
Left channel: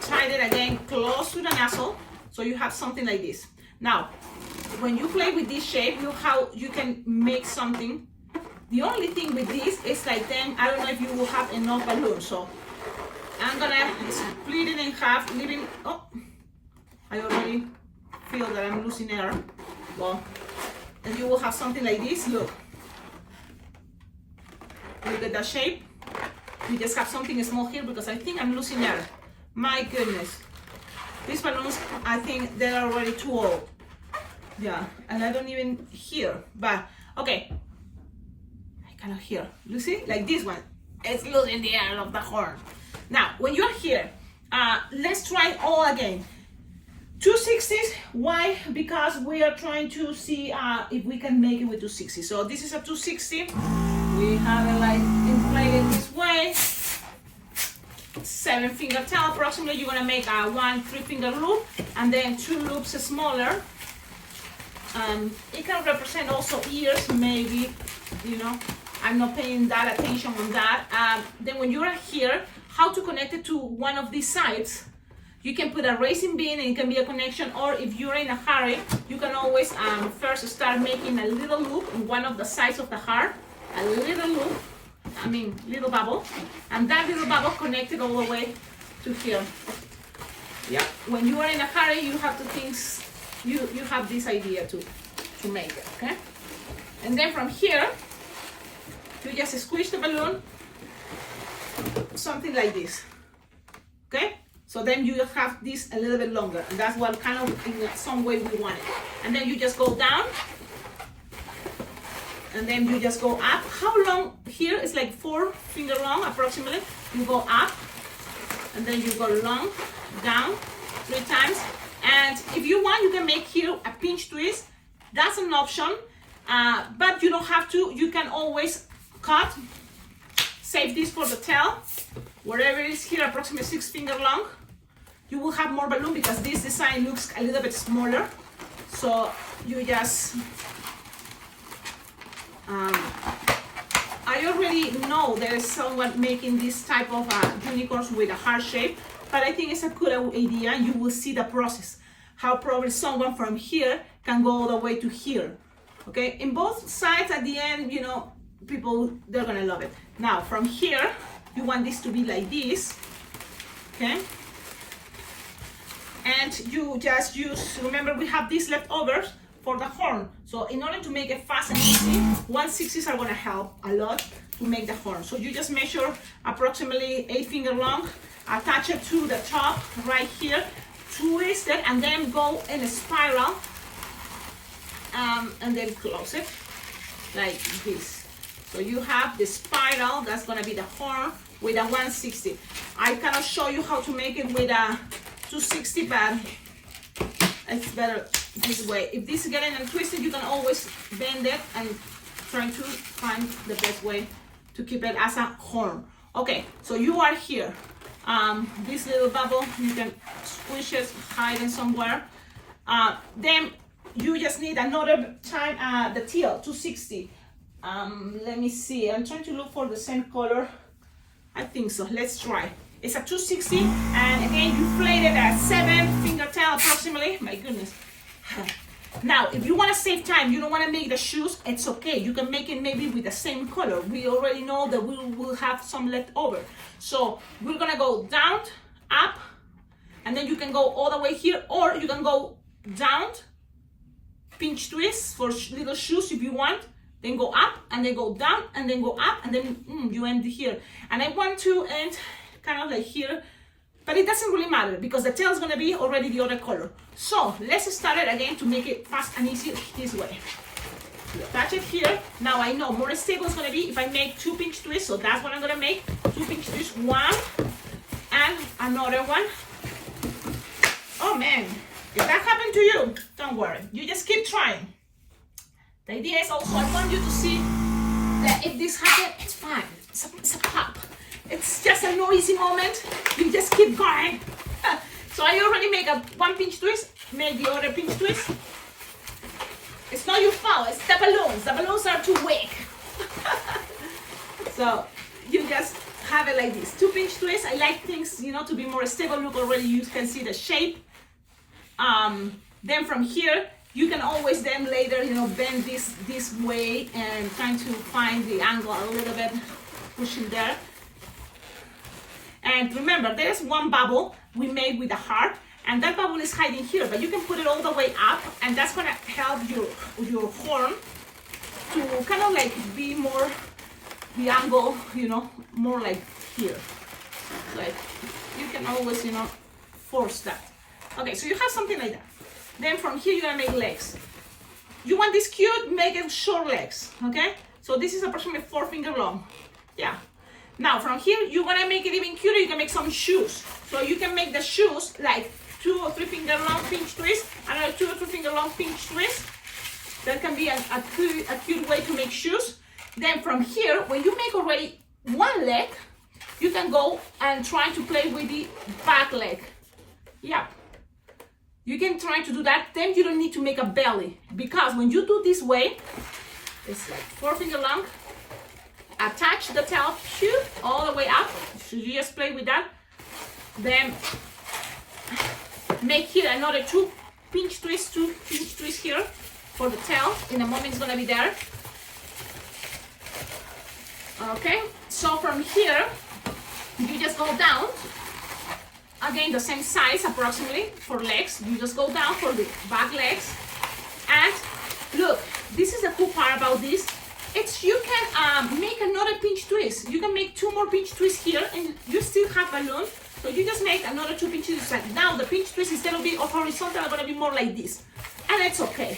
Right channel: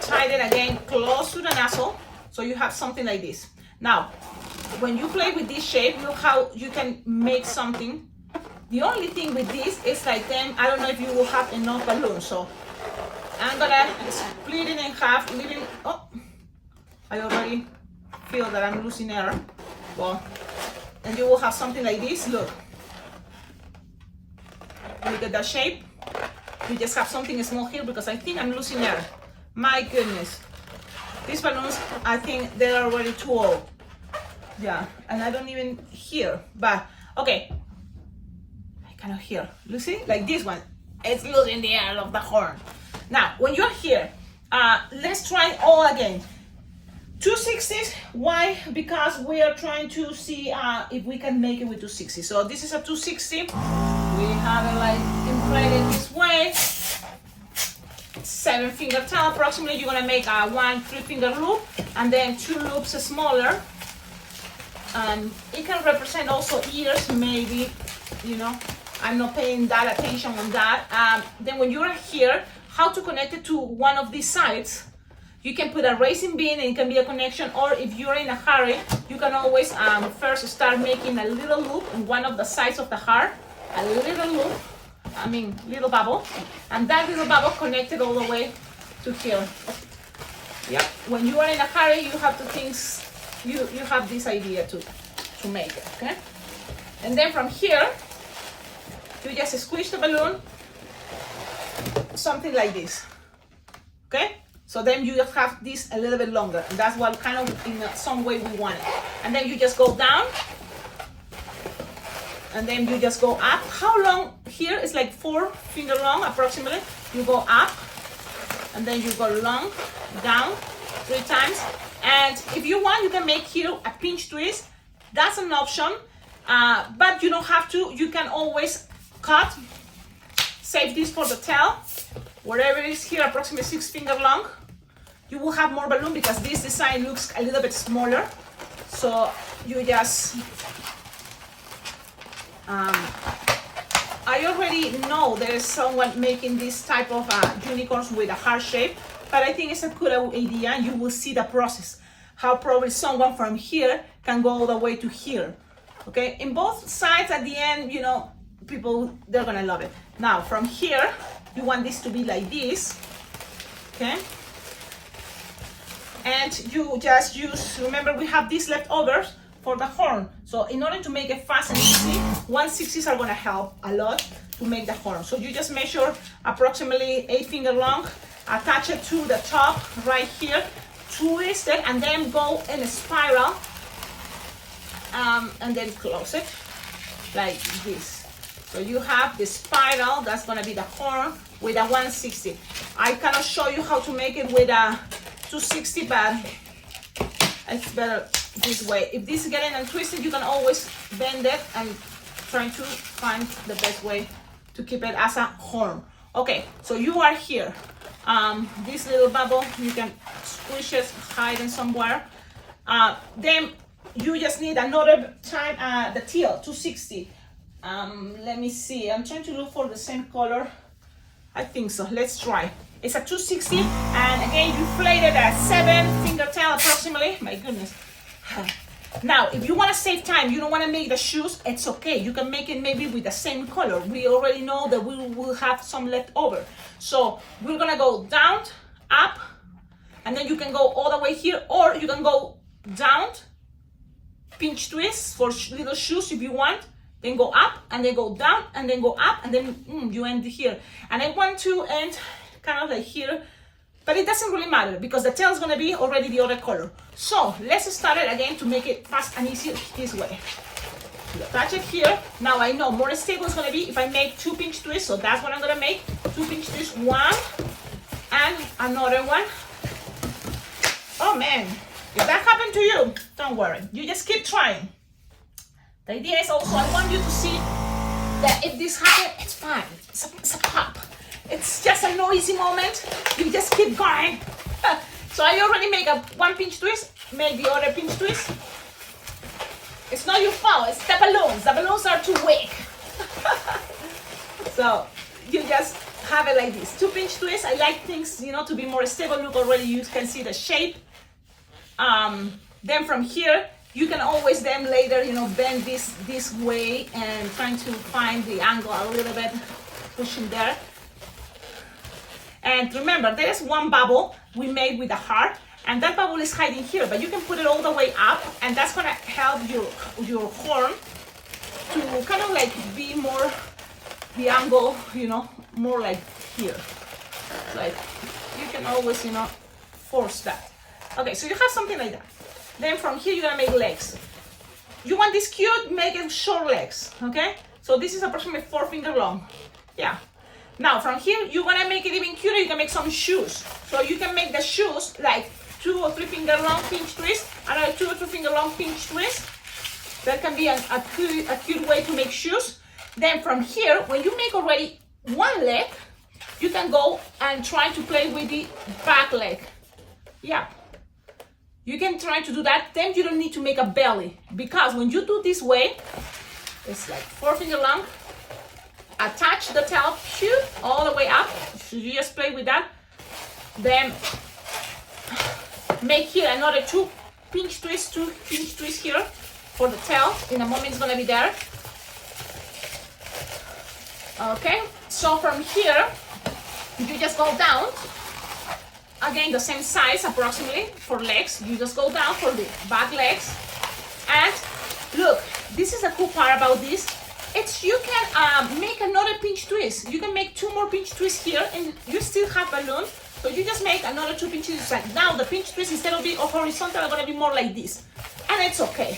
Tight it again close to the nozzle, so you have something like this. Now, when you play with this shape, look how you can make something. The only thing with this is like, then I don't know if you will have enough balloons, so I'm gonna split it in half, leaving. Oh, I already feel that I'm losing air. Well, and you will have something like this. Look at that shape. You just have something small here because I think I'm losing air. My goodness, these balloons, I think they're already too old. Yeah, and I don't even hear, but okay. I cannot hear. You see, like this one, it's losing the air of the horn. Now, when you're here, let's try it all again. 260s, why? Because we are trying to see if we can make it with 260. So this is a 260. We have it like inflated this way. 7-finger tail approximately. You're gonna make a 1 3-finger loop and then 2 loops smaller. It can represent also ears, maybe, you know. I'm not paying that attention on that. Then when you're here, how to connect it to one of these sides. You can put a racing bean and it can be a connection, or if you're in a hurry, you can always first start making a little loop on one of the sides of the heart, a little loop, little bubble, and that little bubble connected all the way to here. Yeah. When you are in a hurry, you have to think, you have this idea to make it, okay? And then from here, you just squish the balloon, something like this, okay? So then you just have this a little bit longer, and that's what kind of, in some way we want it. And then you just go down, and then you just go up. How long here? It's like 4-finger long, approximately. You go up, and then you go long, down, 3 times. And if you want, you can make here a pinch twist. That's an option, but you don't have to. You can always cut, save this for the tail. Whatever it is here, approximately 6-finger long. You will have more balloon because this design looks a little bit smaller. So you just, I already know there is someone making this type of unicorns with a heart shape, but I think it's a good idea, and you will see the process. How probably someone from here can go all the way to here. Okay, in both sides at the end, you know, people, they're gonna love it. Now from here, you want this to be like this, okay? And you just use, remember we have these leftovers for the horn. So in order to make it fast and easy, 1/60s are gonna help a lot to make the horn. So you just measure approximately 8 finger long, attach it to the top right here, twist it, and then go in a spiral, and then close it like this. So you have the spiral, that's gonna be the horn with a 1/60. I cannot show you how to make it with a 2/60, but it's better this way. If this is getting and twisted, you can always bend it and try to find the best way to keep it as a horn. Okay, so you are here. This little bubble, you can squish it, hide it somewhere. Then you just need another time, the teal, 2/60. Let me see, I'm trying to look for the same color. I think so, let's try. It's a 2/60, and again, you plate it at 7 finger tail approximately. My goodness. Now, if you want to save time, you don't want to make the shoes, it's okay. You can make it maybe with the same color. We already know that we will have some left over. So we're gonna go down, up, and then you can go all the way here, or you can go down, pinch twist for little shoes if you want, then go up, and then go down, and then go up, and then you end here. And I want to end kind of like here, but it doesn't really matter because the tail is gonna be already the other color. So let's start it again to make it fast and easy this way. You attach it here. Now I know more stable is gonna be if I make 2 pinch twists, so that's what I'm gonna make. 2 pinch twists, 1 and another one. Oh man, if that happened to you, don't worry. You just keep trying. The idea is also I want you to see that if this happens, it's fine. It's a pop. It's just a noisy moment. You just keep going. So I already make a 1 pinch twist, make the other pinch twist. It's not your fault, it's the balloons. The balloons are too weak. So you just have it like this. 2 pinch twists. I like things, to be more stable. Look, already you can see the shape. Then from here, you can always then later, bend this way and trying to find the angle a little bit, pushing there. And remember, there's one bubble we made with a heart, and that bubble is hiding here, but you can put it all the way up, and that's gonna help your horn to kind of like be more, the angle, more like here. Like, you can always, force that. Okay, so you have something like that. Then from here, you're gonna make legs. You want this cute, make it short legs, okay? So this is approximately 4 finger long, yeah. Now from here, you're gonna make it even cuter, you can make some shoes. So you can make the shoes like 2 or 3 finger long pinch twist, another 2 or 3 finger long pinch twist. That can be a cute way to make shoes. Then from here, when you make already 1 leg, you can go and try to play with the back leg. Yeah. You can try to do that, then you don't need to make a belly, because when you do this way, it's like 4 finger long, attach the tail all the way up, so you just play with that, then make here another 2 pinch twists, 2 pinch twists here for the tail. In a moment it's gonna be there. Okay, so from here, you just go down. Again, the same size approximately for legs. You just go down for the back legs. And look, this is the cool part about this. You can make another pinch twist. You can make 2 more pinch twists here, and you still have balloons. So you just make another 2 pinch twists. Like now the pinch twist, instead of being horizontal, are gonna be more like this. And it's okay.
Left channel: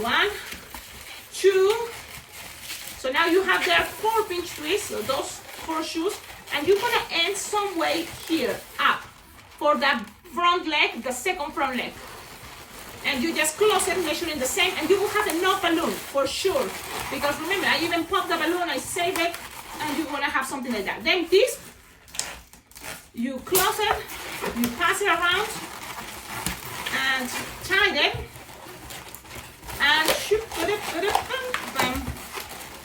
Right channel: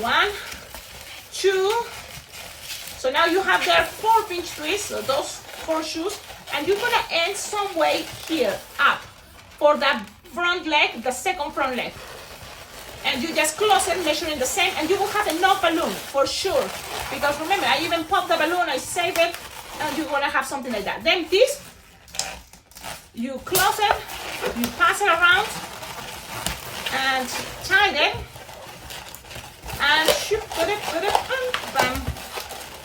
1, 2. So now you have there 4 pinch twists, so those 4 shoes. And you're gonna end some way here, up, for that front leg, the second front leg. And you just close it, measuring the same, and you will have enough balloon, for sure. Because remember, I even popped the balloon, I saved it, and you're gonna have something like that. Then this, you close it, you pass it around, and tie it, and shoot, put it, bam.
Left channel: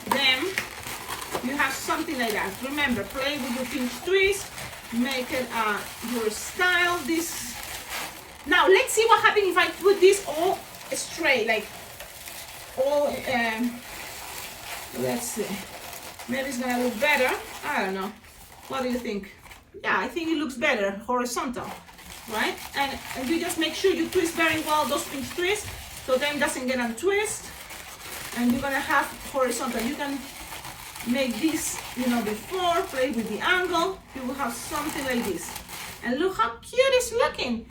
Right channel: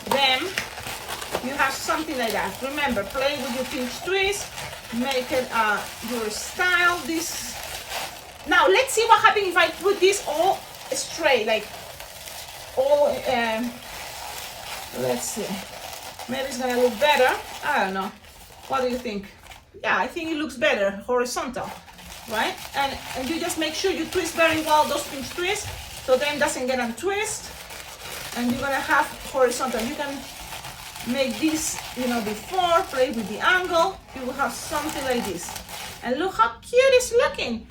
Then, you have something like that. Remember, play with your pinch twist, make it your style. This. Now let's see what happens if I put this all straight, like all. Let's see. Maybe it's gonna look better. I don't know. What do you think? Yeah, I think it looks better horizontal, right? And you just make sure you twist very well those pinch twists. so then it doesn't get untwist, and you're gonna have horizontal. You can make this, you know, before, play with the angle, you will have something like this. And look how cute it's looking.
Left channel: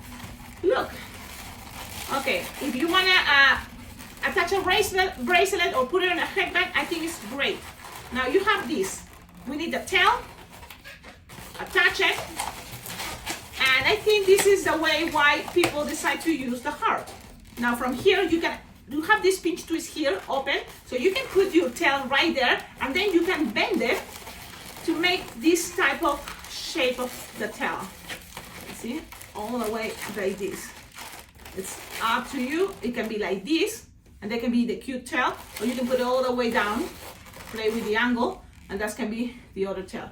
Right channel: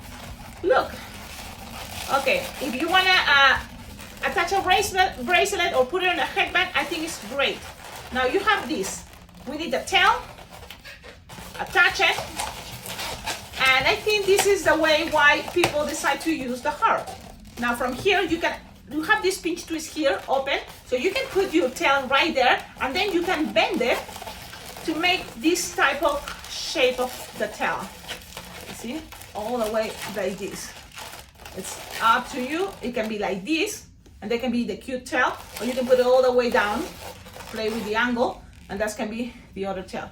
Look. Okay, if you wanna attach a bracelet or put it on a headband, I think it's great. Now you have this. We need a tail, attach it, and I think this is the way why people decide to use the heart. Now from here, you have this pinch twist here open, so you can put your tail right there, and then you can bend it to make this type of shape of the tail. See, all the way like this. It's up to you. It can be like this, and they can be the cute tail, or you can put it all the way down, play with the angle, and that can be the other tail.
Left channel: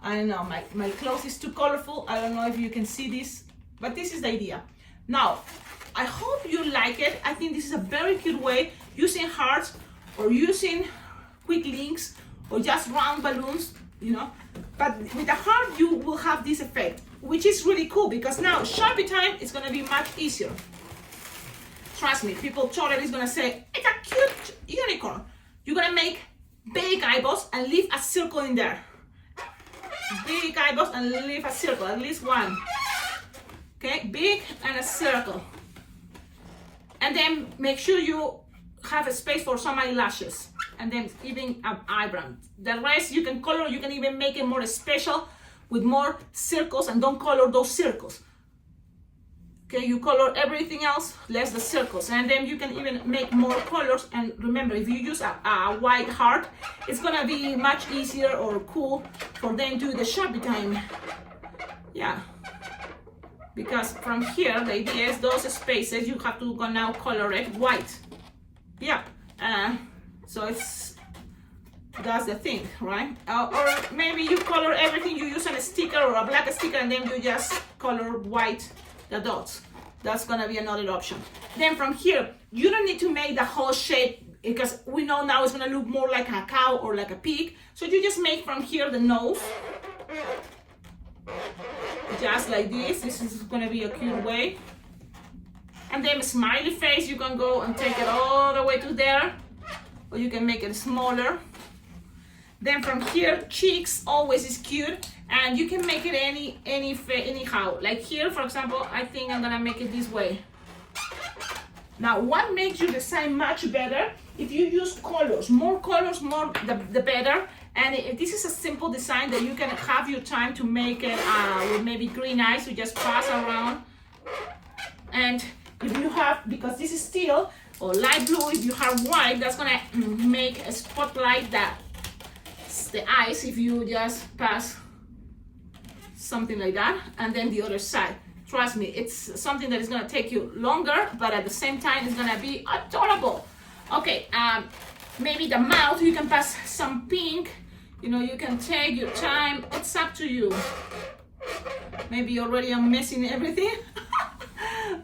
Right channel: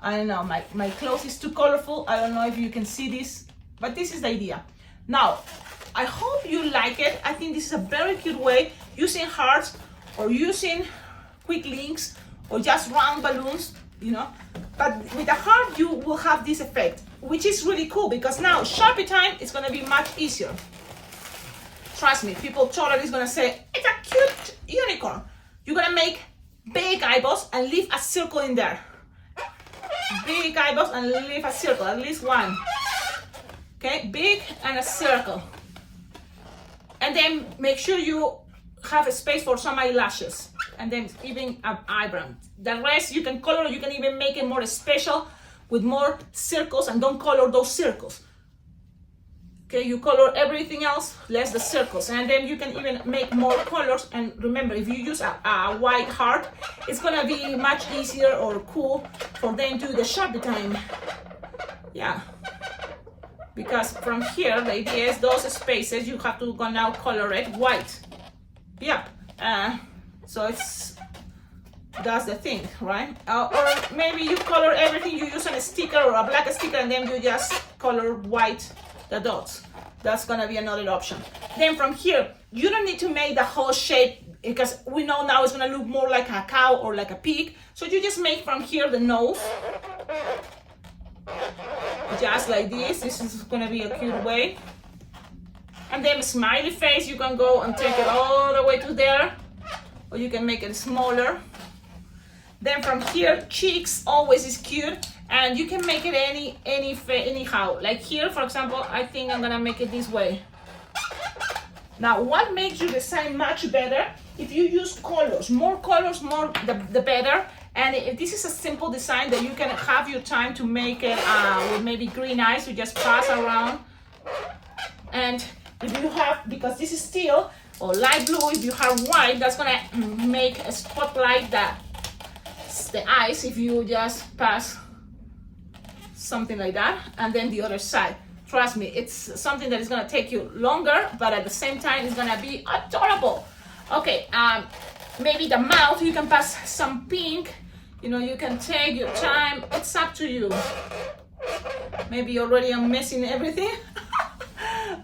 I know my clothes is too colorful. I don't know if you can see this, but this is the idea. Now, I hope you like it. I think this is a very cute way, using hearts or using quick links or just round balloons, you know. But with the heart, you will have this effect, which is really cool because now Sharpie time is gonna be much easier. Trust me, people totally is gonna say, it's a cute unicorn. You're gonna make big eyeballs and leave a circle in there. Big eyeballs and leave a circle, at least one. Okay, big and a circle. And then make sure you have a space for some eyelashes. And then even an eyebrow. The rest you can color, you can even make it more special with more circles, and don't color those circles. Okay, you color everything else, less the circles. And then you can even make more colors. And remember, if you use a white heart, it's gonna be much easier or cool for them to do the Sharpie time. Yeah. Because from here, the idea is those spaces, you have to go now color it white. Yep. So that's the thing, right? Or maybe you color everything, you use a sticker or a black sticker, and then you just color white the dots. That's gonna be another option. Then from here, you don't need to make the whole shape because we know now it's gonna look more like a cow or like a pig. So you just make from here the nose. Just like this. This is gonna be a cute way. And then smiley face, you can go and take it all the way to there, or you can make it smaller. Then from here, cheeks always is cute, and you can make it anyhow. Like here, for example, I think I'm gonna make it this way. Now, what makes your design much better? If you use colors, more the better. And this is a simple design that you can have your time to make it with maybe green eyes. You just pass around. And if you have, because this is steel or light blue, if you have white, that's gonna make a spotlight the eyes if you just pass something like that. And then the other side. Trust me, it's something that is gonna take you longer, but at the same time, it's gonna be adorable. Okay, maybe the mouth, you can pass some pink. You know, you can take your time. It's up to you. Maybe already I'm messing everything,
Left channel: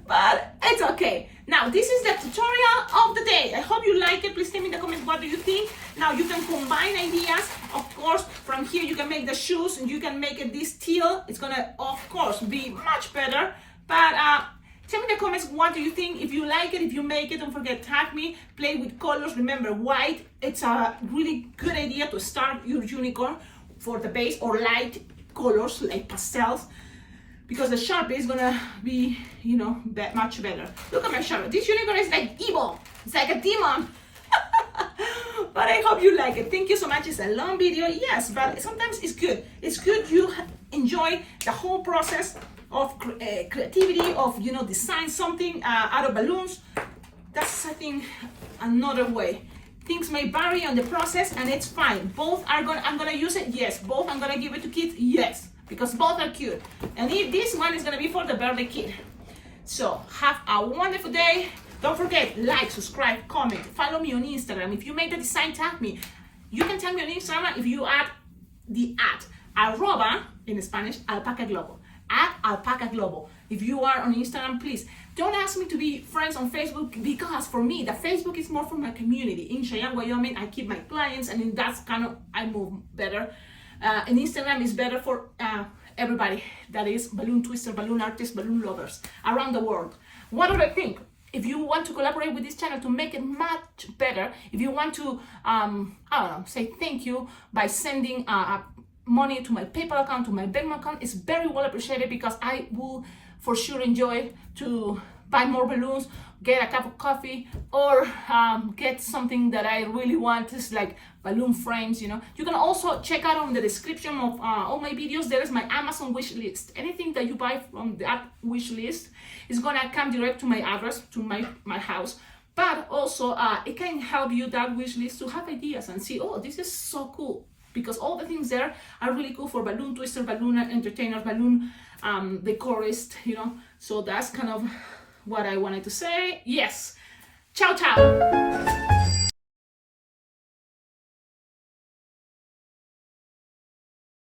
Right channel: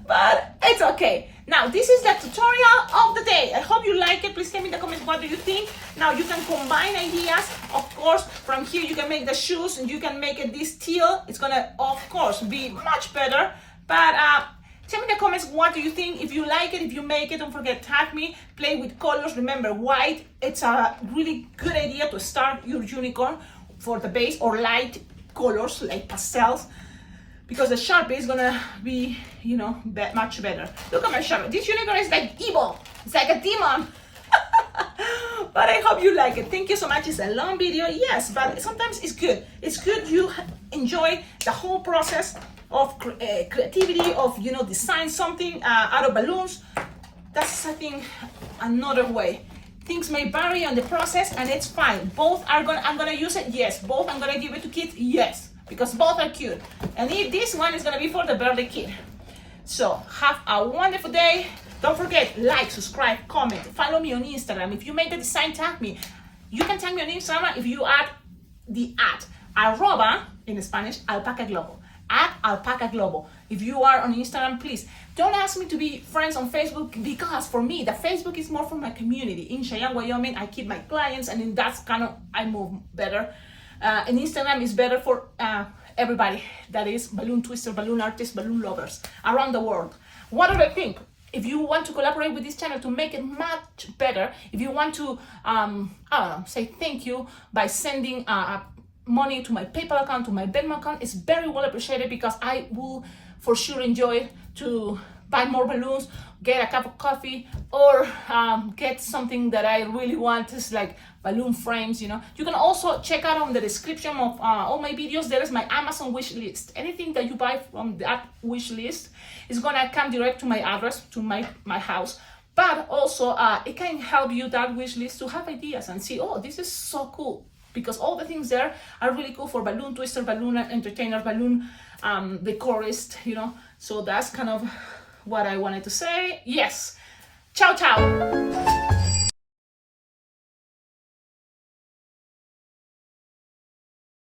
but it's okay. Now, this is the tutorial of the day. I hope you like it. Please tell me in the comments, what do you think? Now, you can combine ideas. Of course, from here, you can make the shoes and you can make it this teal. It's gonna, of course, be much better. But tell me in the comments, what do you think? If you like it, if you make it, don't forget, tag me. Play with colors. Remember, white, it's a really good idea to start your unicorn for the base, or light colors like pastels, because the Sharpie is gonna be, you know, much better. Look at my Sharpie. This unicorn is like evil. It's like a demon. But I hope you like it. Thank you so much. It's a long video, yes, but sometimes it's good. It's good you enjoy the whole process of creativity, of, you know, design something out of balloons. That's, I think, another way. Things may vary on the process, and it's fine. Both are I'm gonna use it, yes. Both I'm gonna give it to kids, yes, because both are cute. And if this one is gonna be for the birthday kid. So have a wonderful day. Don't forget, like, subscribe, comment, follow me on Instagram. If you made the design, tag me. You can tag me on Instagram if you add the @ in Spanish, Alpacaglobo. @Alpacaglobo. If you are on Instagram, please don't ask me to be friends on Facebook, because for me, the Facebook is more for my community. In Cheyenne, Wyoming, I keep my clients, and in that's kind of, I move better. And Instagram is better for everybody that is balloon twister, balloon artists, balloon lovers around the world. What do they think? if you want to collaborate with this channel to make it much better, if you want to, I don't know, say thank you by sending money to my PayPal account, to my Venmo account, it's very well appreciated, because I will for sure enjoy to buy more balloons, get a cup of coffee, or get something that I really want, is like balloon frames, you know. You can also check out on the description of all my videos, there is my Amazon wish list. Anything that you buy from that wish list is gonna come direct to my address, to my house. But also it can help you, that wish list, to have ideas and see, oh, this is so cool, because all the things there are really cool for balloon twister, balloon entertainer, balloon decorist, you know. So that's kind of what I wanted to say. Yes, ciao ciao.